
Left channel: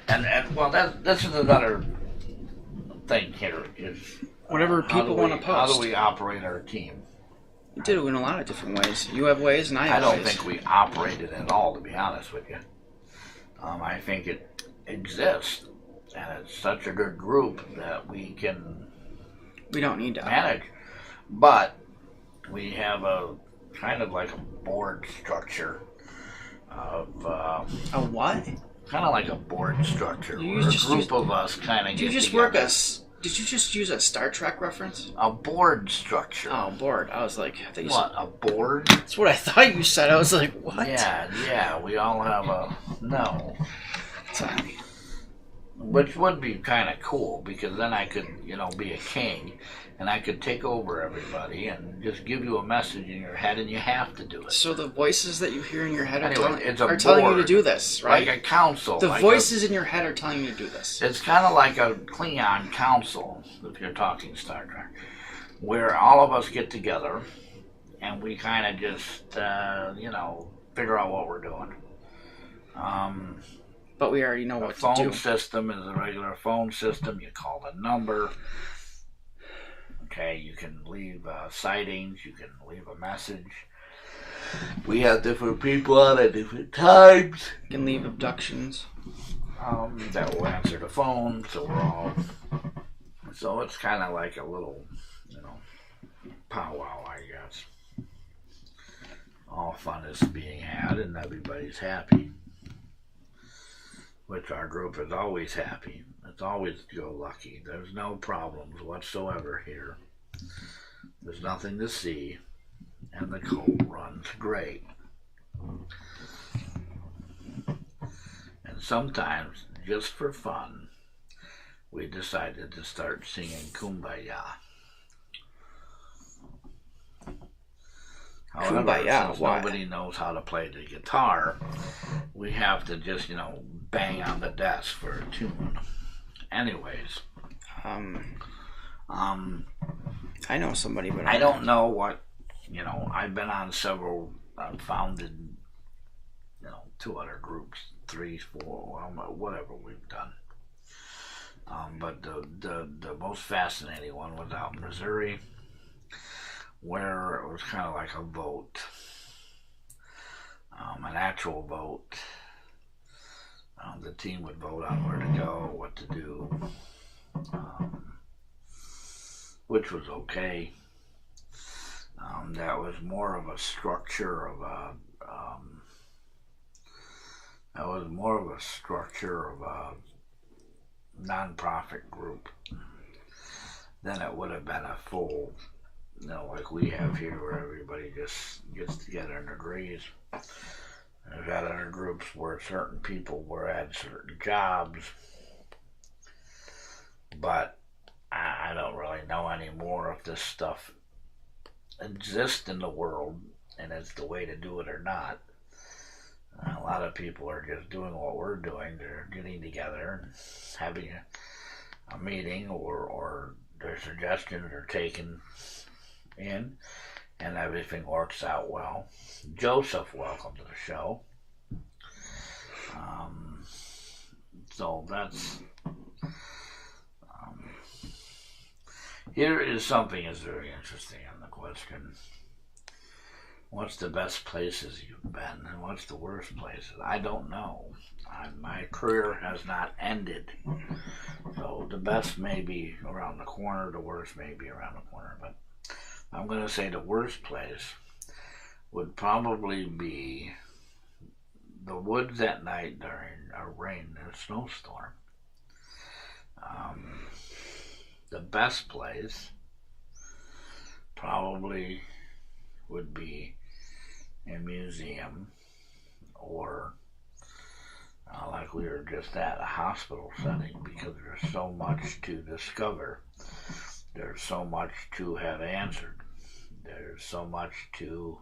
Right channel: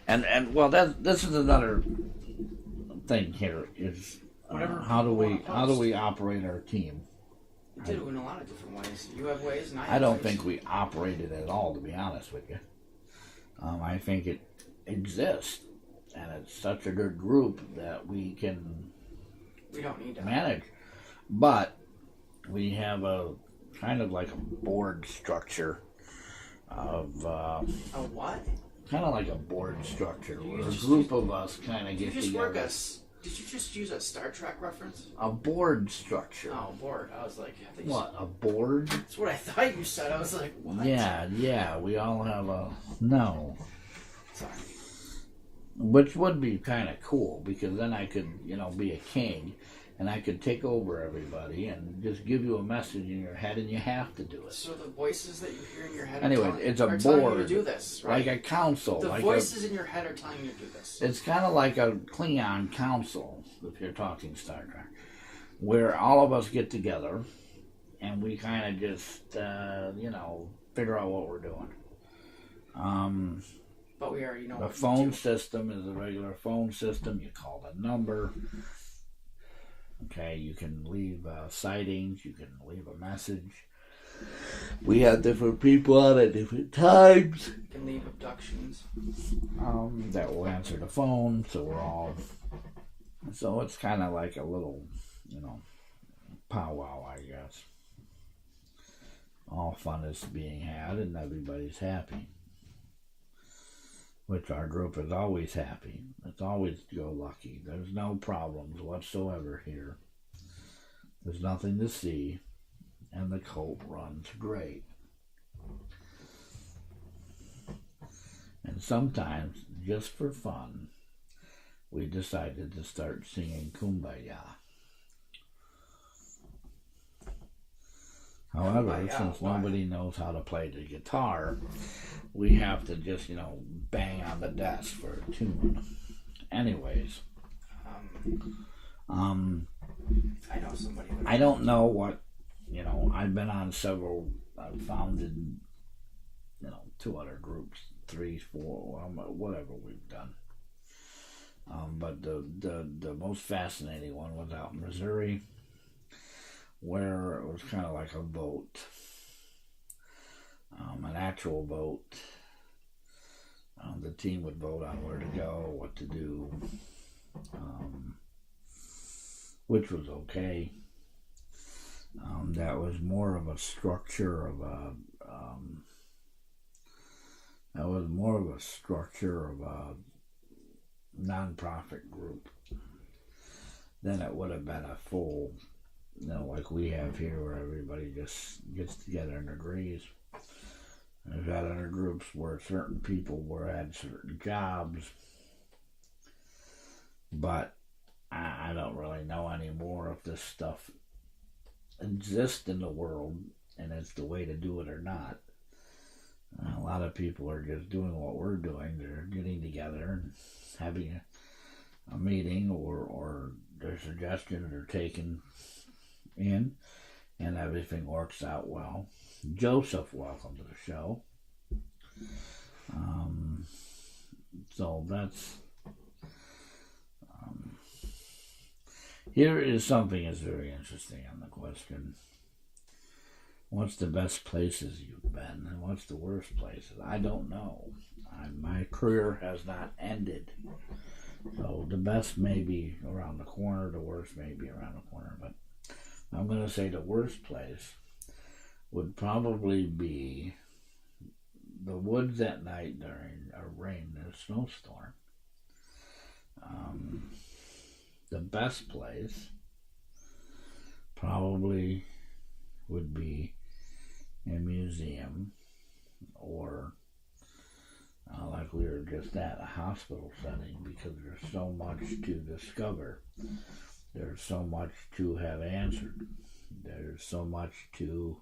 And well, this is another thing here is whatever people want to post. How do we operate our team? We do it in a lot of different ways. You have ways, and I have ways. I don't ways. think we operate it at all, to be honest with you. I think it exists, and it's such a good group that we don't need to manage. But we have a kind of like a board structure of a what? Kind of like a board structure. Where a group of us kind of get together. Did you just use a Star Trek reference? A board structure. Oh, board. I was like... A board? That's what I thought you said. I was like, what? Yeah, we all have a... No. Sorry. which would be kind of cool because then I could, be a king and I could take over everybody and just give you a message in your head and you have to do it. So the voices that you hear in your head Anyway, are telling you to do this, right? Like a council. The voices in your head are telling you to do this. It's kind of like a Klingon council, if you're talking Star Trek, where all of us get together and we kind of just, figure out what we're doing. But we already know what to do. The phone system is a regular phone system. You call the number. Okay, you can leave sightings. You can leave a message. We have different people on at different times. You can leave abductions. That will answer the phone, so we're all... So it's kind of like a little, powwow, I guess. All fun is being had and everybody's happy. Which our group is always happy. It's always go-lucky. There's no problems whatsoever here. There's nothing to see. And the code runs great. And sometimes, just for fun, we decided to start singing Kumbaya. However, Kumbaya, since why? Nobody knows how to play the guitar, we have to just, bang on the desk for a tune. Anyways. I know somebody, but I don't know what, I've been on several, founded, 2 other groups, 3, 4, whatever we've done. But the most fascinating one was out in Missouri, where it was kind of like a vote, an actual vote. The team would vote on where to go, what to do, which was okay. That was more of a structure of a non-profit group than it would have been a full, like we have here, where everybody just gets together and agrees. I've had other groups where certain people were at certain jobs, but I don't really know anymore if this stuff exists in the world and it's the way to do it or not. A lot of people are just doing what we're doing. They're getting together and having a meeting, or their suggestions are taken in, and everything works out well. Joseph, welcome to the show. So that's... here is something that's very interesting in the question. What's the best places you've been, and what's the worst places? I don't know. My career has not ended. So the best may be around the corner, the worst may be around the corner, but I'm going to say the worst place would probably be the woods at night during a rain or snowstorm. The best place probably would be a museum, or like we were just at, a hospital setting, because there's so much to discover. There's so much to have answered. There's so much to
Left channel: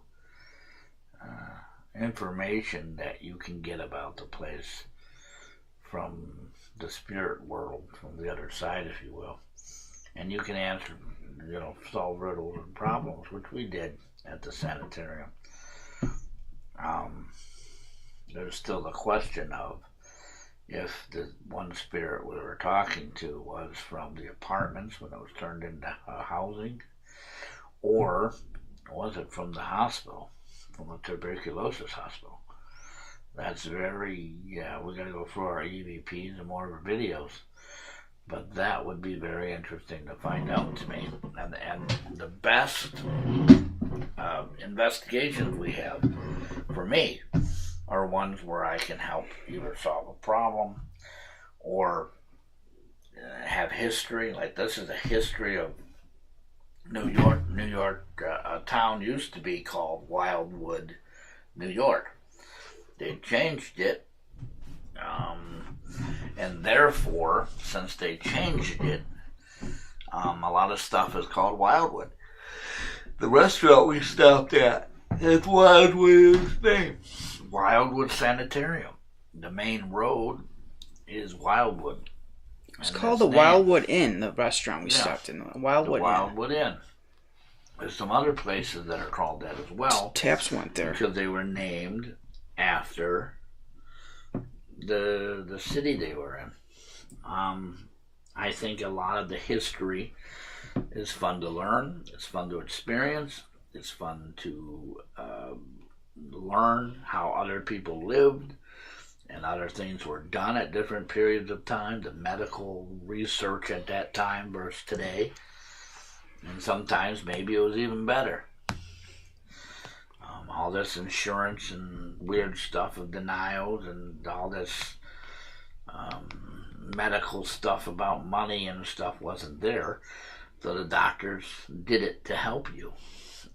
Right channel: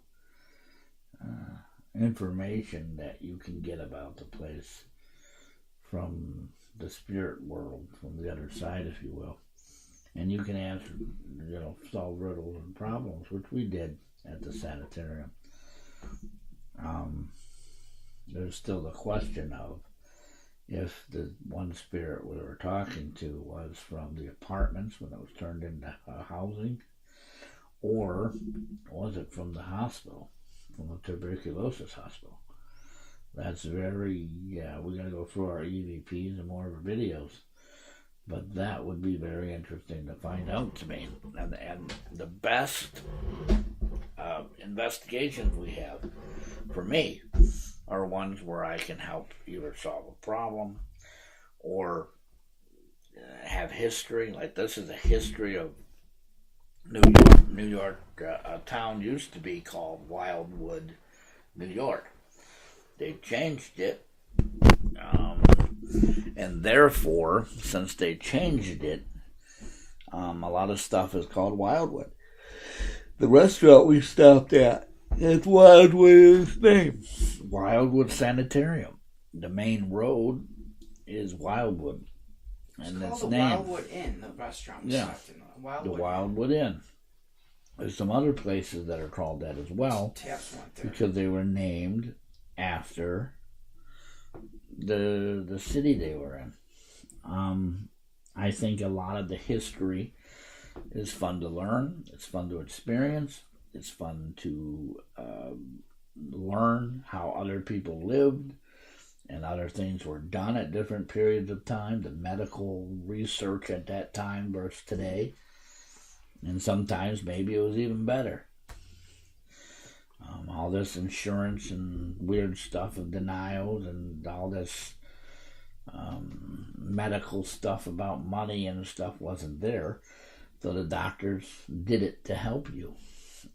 information that you can get about the place from the spirit world, from the other side, if you will. And you can answer, solve riddles and problems, which we did at the sanitarium. There's still the question of if the one spirit we were talking to was from the apartments when it was turned into housing, or was it from the hospital, from the tuberculosis hospital. That's very, we got to go through our EVPs and more of our videos, but that would be very interesting to find out to me. And the best investigations we have, for me, are ones where I can help either solve a problem or have history. Like, this is a history of New York. New York, a town used to be called Wildwood, New York. They changed it, and And therefore, since they changed it, a lot of stuff is called Wildwood. The restaurant we stopped at, that's Wildwood is its name. Wildwood Sanitarium. The main road is Wildwood. It's called the Wildwood Inn, the restaurant we stopped in. Wildwood Inn. There's some other places that are called that as well. Taps went there. Because they were named after the city they were in. I think a lot of the history is fun to learn. It's fun to experience. It's fun to learn how other people lived and other things were done at different periods of time. The medical research at that time versus today. And sometimes maybe it was even better. All this insurance and weird stuff of denials and all this medical stuff about money and stuff wasn't there. So the doctors did it to help you.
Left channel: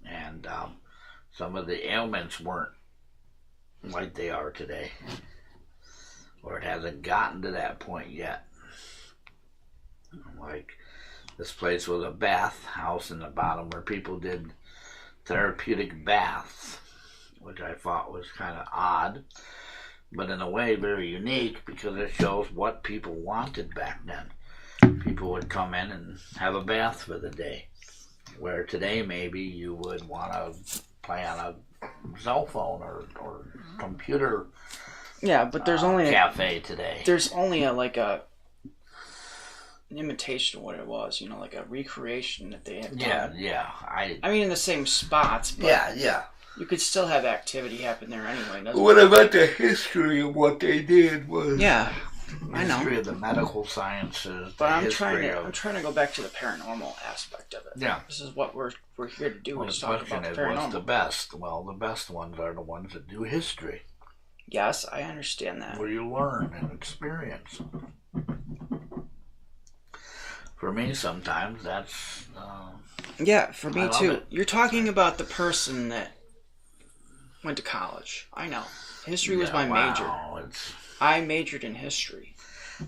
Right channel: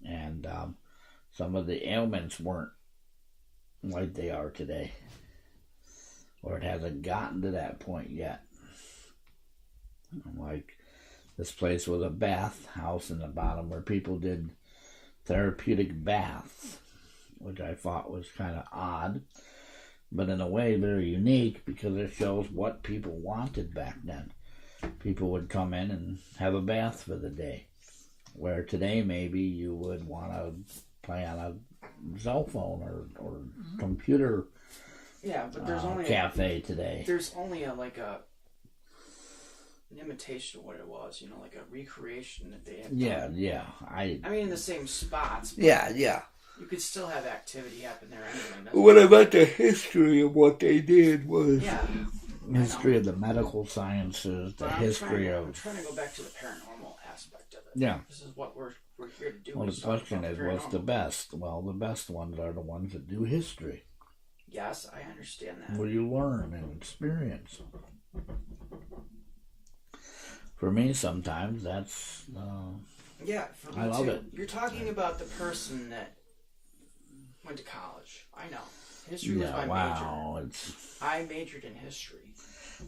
And some of the ailments weren't like they are today. Or it hasn't gotten to that point yet. Like this place was a bath house in the bottom where people did therapeutic baths, which I thought was kind of odd, but in a way very unique because it shows what people wanted back then. People would come in and have a bath for the day, where today maybe you would want to play on a cell phone or computer. Yeah, but there's only cafe today. There's only an imitation of what it was, like a recreation that they had done. Yeah. I mean, in the same spots. But yeah. You could still have activity happen there anyway. What about the history of what they did was? Yeah, I know. History of the medical sciences. But I'm trying to go back to the paranormal aspect of it. Yeah. This is what we're here to do. Well, the question is, what's the best? Well, the best ones are the ones that do history. Yes, I understand that. Where you learn and experience. For me, sometimes that's... yeah, for me too. You're talking about the person that went to college. I know. History was my major. I majored in history.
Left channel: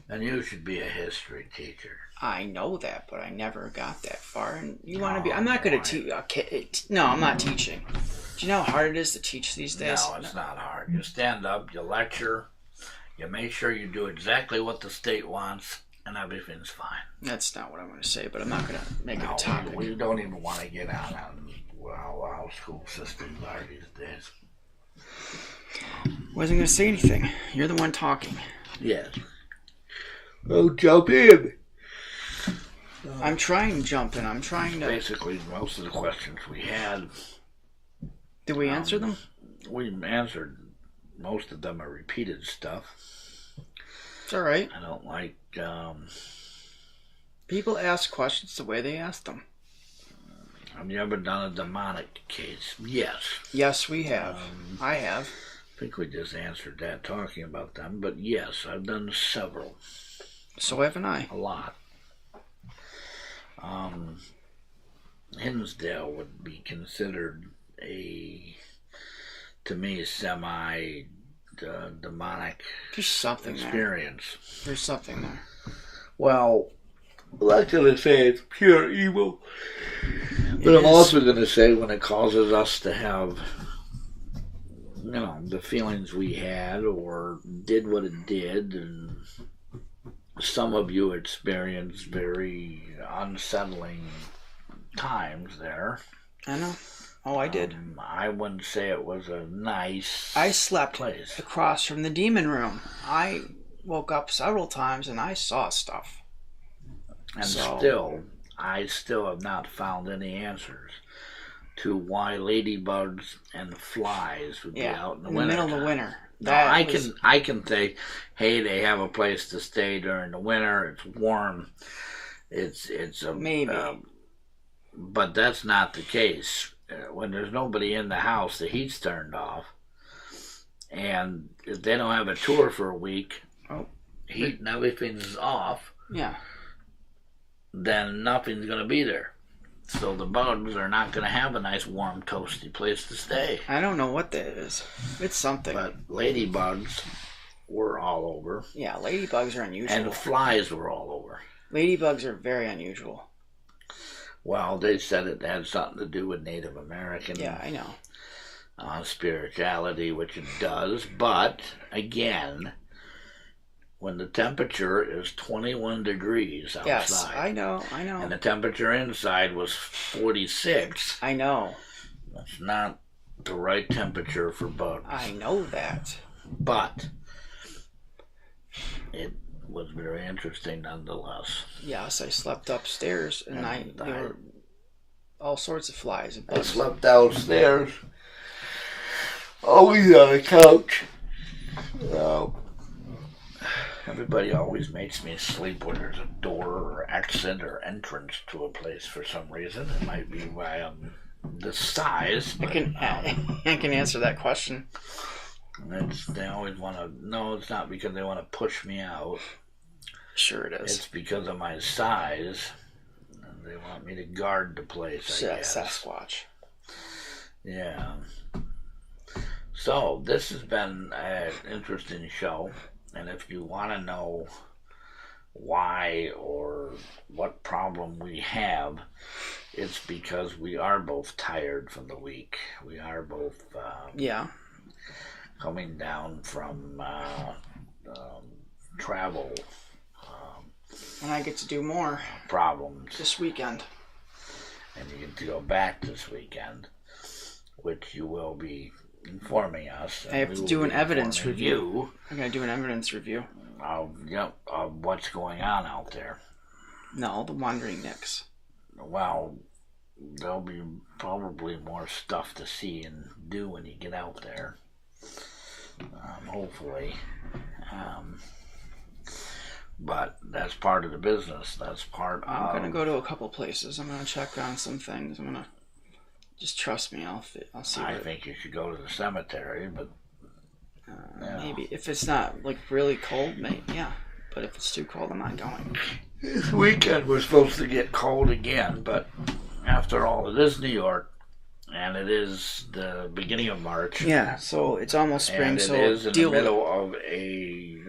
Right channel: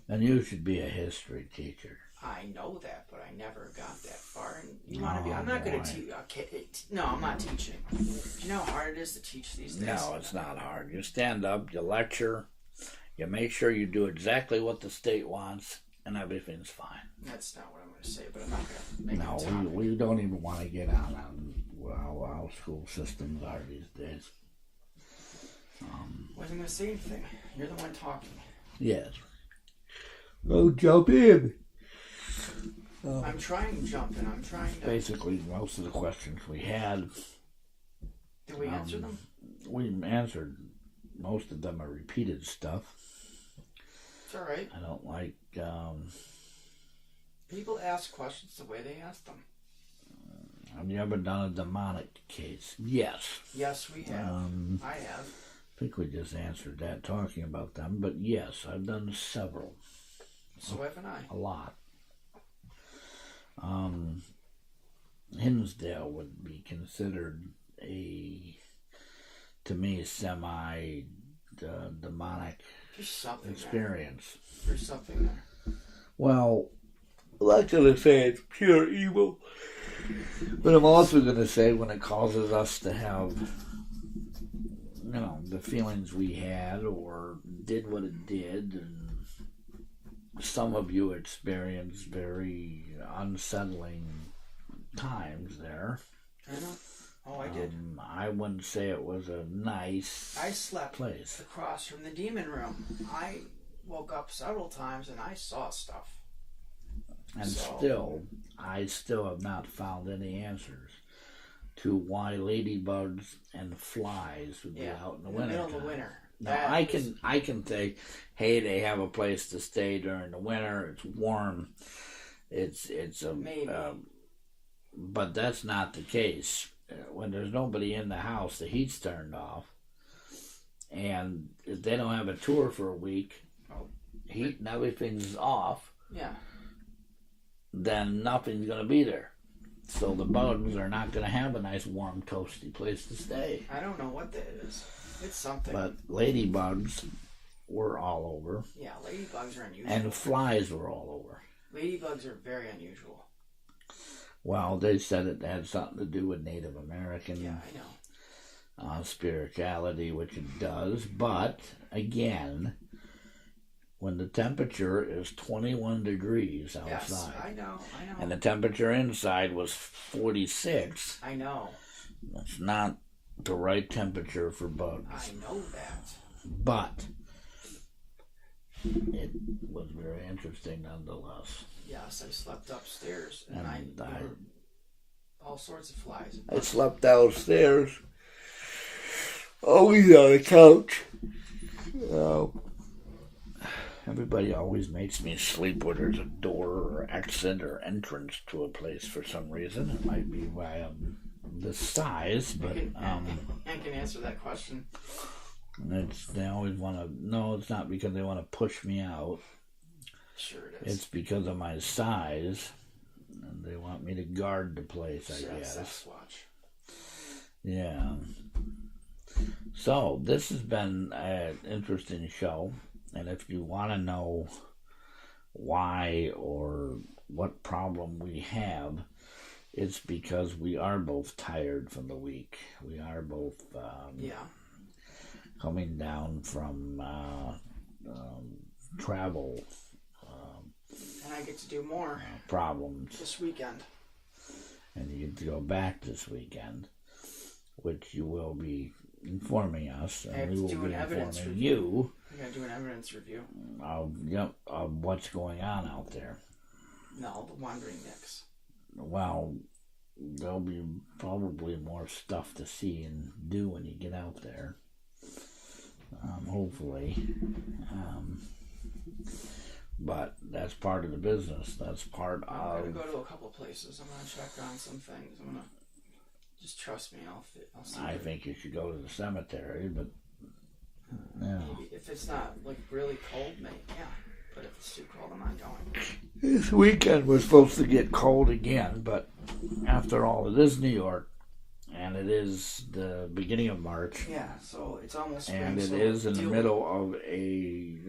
And you should be a history teacher. I know that, but I never got that far. And you want to be... I'm not going to teach... No, I'm not teaching. Do you know how hard it is to teach these days? No, it's not hard. You stand up, you lecture, you make sure you do exactly what the state wants, and everything's fine. That's not what I'm going to say, but I'm not going to make it a topic. We don't even want to get on how school systems are these days. Wasn't going to say anything. You're the one talking. Yes. Oh, jump in. I'm trying to jump in. I'm trying to... Basically, most of the questions we had... Did we answer them? We answered most of them are repeated stuff. It's all right. I don't like... People ask questions the way they ask them. Have you ever done a demonic case? Yes. Yes, we have. I have. I think we just answered that talking about them, but yes, I've done several. So haven't I. A lot. Hinsdale would be considered to me, semi-demonic experience. There's something there. Well, I'm not going to say it's pure evil, but I'm also going to say when it causes us to have, the feelings we had or did what it did, and some of you experienced very unsettling times there. I know. Oh, I did. I wouldn't say it was a nice I slept place. Across from the demon room. I woke up several times and I saw stuff. And I still have not found any answers to why ladybugs and flies would be out in the winter. In the middle of the winter. No, I can say, hey, they have a place to stay during the winter. It's warm. It's a maybe, but that's not the case. When there's nobody in the house, the heat's turned off, and if they don't have a tour for a week, heat and everything's off. Yeah. Then nothing's going to be there. So the bugs are not going to have a nice, warm, toasty place to stay. I don't know what that is. It's something. But ladybugs were all over. Yeah, ladybugs are unusual. And the flies were all over. Ladybugs are very unusual. Well, they said it had something to do with Native American Yeah, I know. Spirituality, which it does. But, again, when the temperature is 21 degrees outside. Yes, I know. And the temperature inside was 46. I know. That's not the right temperature for bugs. I know that. But it was very interesting nonetheless. Yes, I slept upstairs and there were all sorts of flies. I slept downstairs, always on the couch. Everybody always makes me sleep where there's a door or exit or entrance to a place for some reason. It might be why I'm this size. But, I can answer that question. They always want to. No, it's not because they want to push me out. Sure it is. It's because of my size. They want me to guard the place, I guess. Sasquatch. Yeah. So, this has been an interesting show. And if you want to know why or what problem we have, it's because we are both tired from the week. We are both coming down from travel. And I get to do more problems this weekend. And you get to go back this weekend, which you will be informing us. I have to do an evidence review. I'm going to do an evidence review. Of what's going on out there. No, the Wandering Nicks. Well, there'll be probably more stuff to see and do when you get out there. Hopefully. But that's part of the business. That's part of... I'm going to go to a couple places. I'm going to check on some things. I'm going to... Just trust me. I'll see. I think you should go to the cemetery, but... Maybe. If it's not, like, really cold, maybe, yeah. But if it's too cold, I'm not going. This weekend we're supposed to get cold again, but after all, it is New York, and it is the beginning of March. Yeah, so it's almost spring, and it so is in the middle of a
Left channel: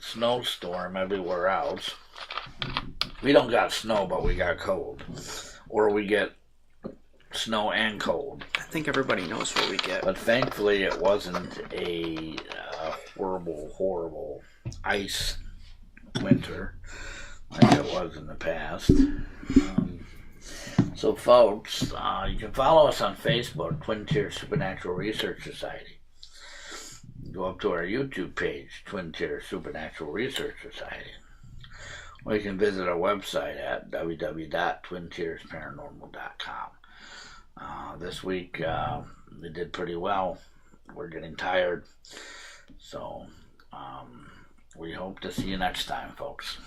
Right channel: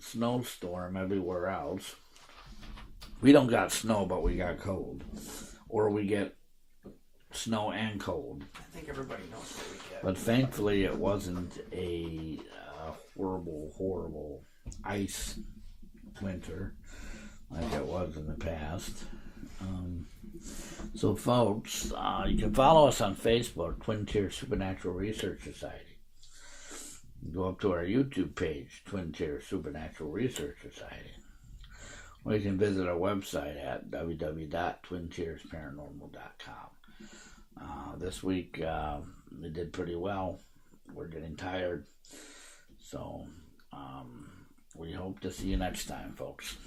snowstorm everywhere else. We don't got snow, but we got cold. Or we get snow and cold. I think everybody knows what we get. But thankfully it wasn't a horrible ice winter like it was in the past. So folks, you can follow us on Facebook, Twin Tier Supernatural Research Society. Go up to our YouTube page, Twin Tier Supernatural Research Society. Or you can visit our website at www.twintiersparanormal.com. This week, we did pretty well. We're getting tired. So, we hope to see you next time, folks.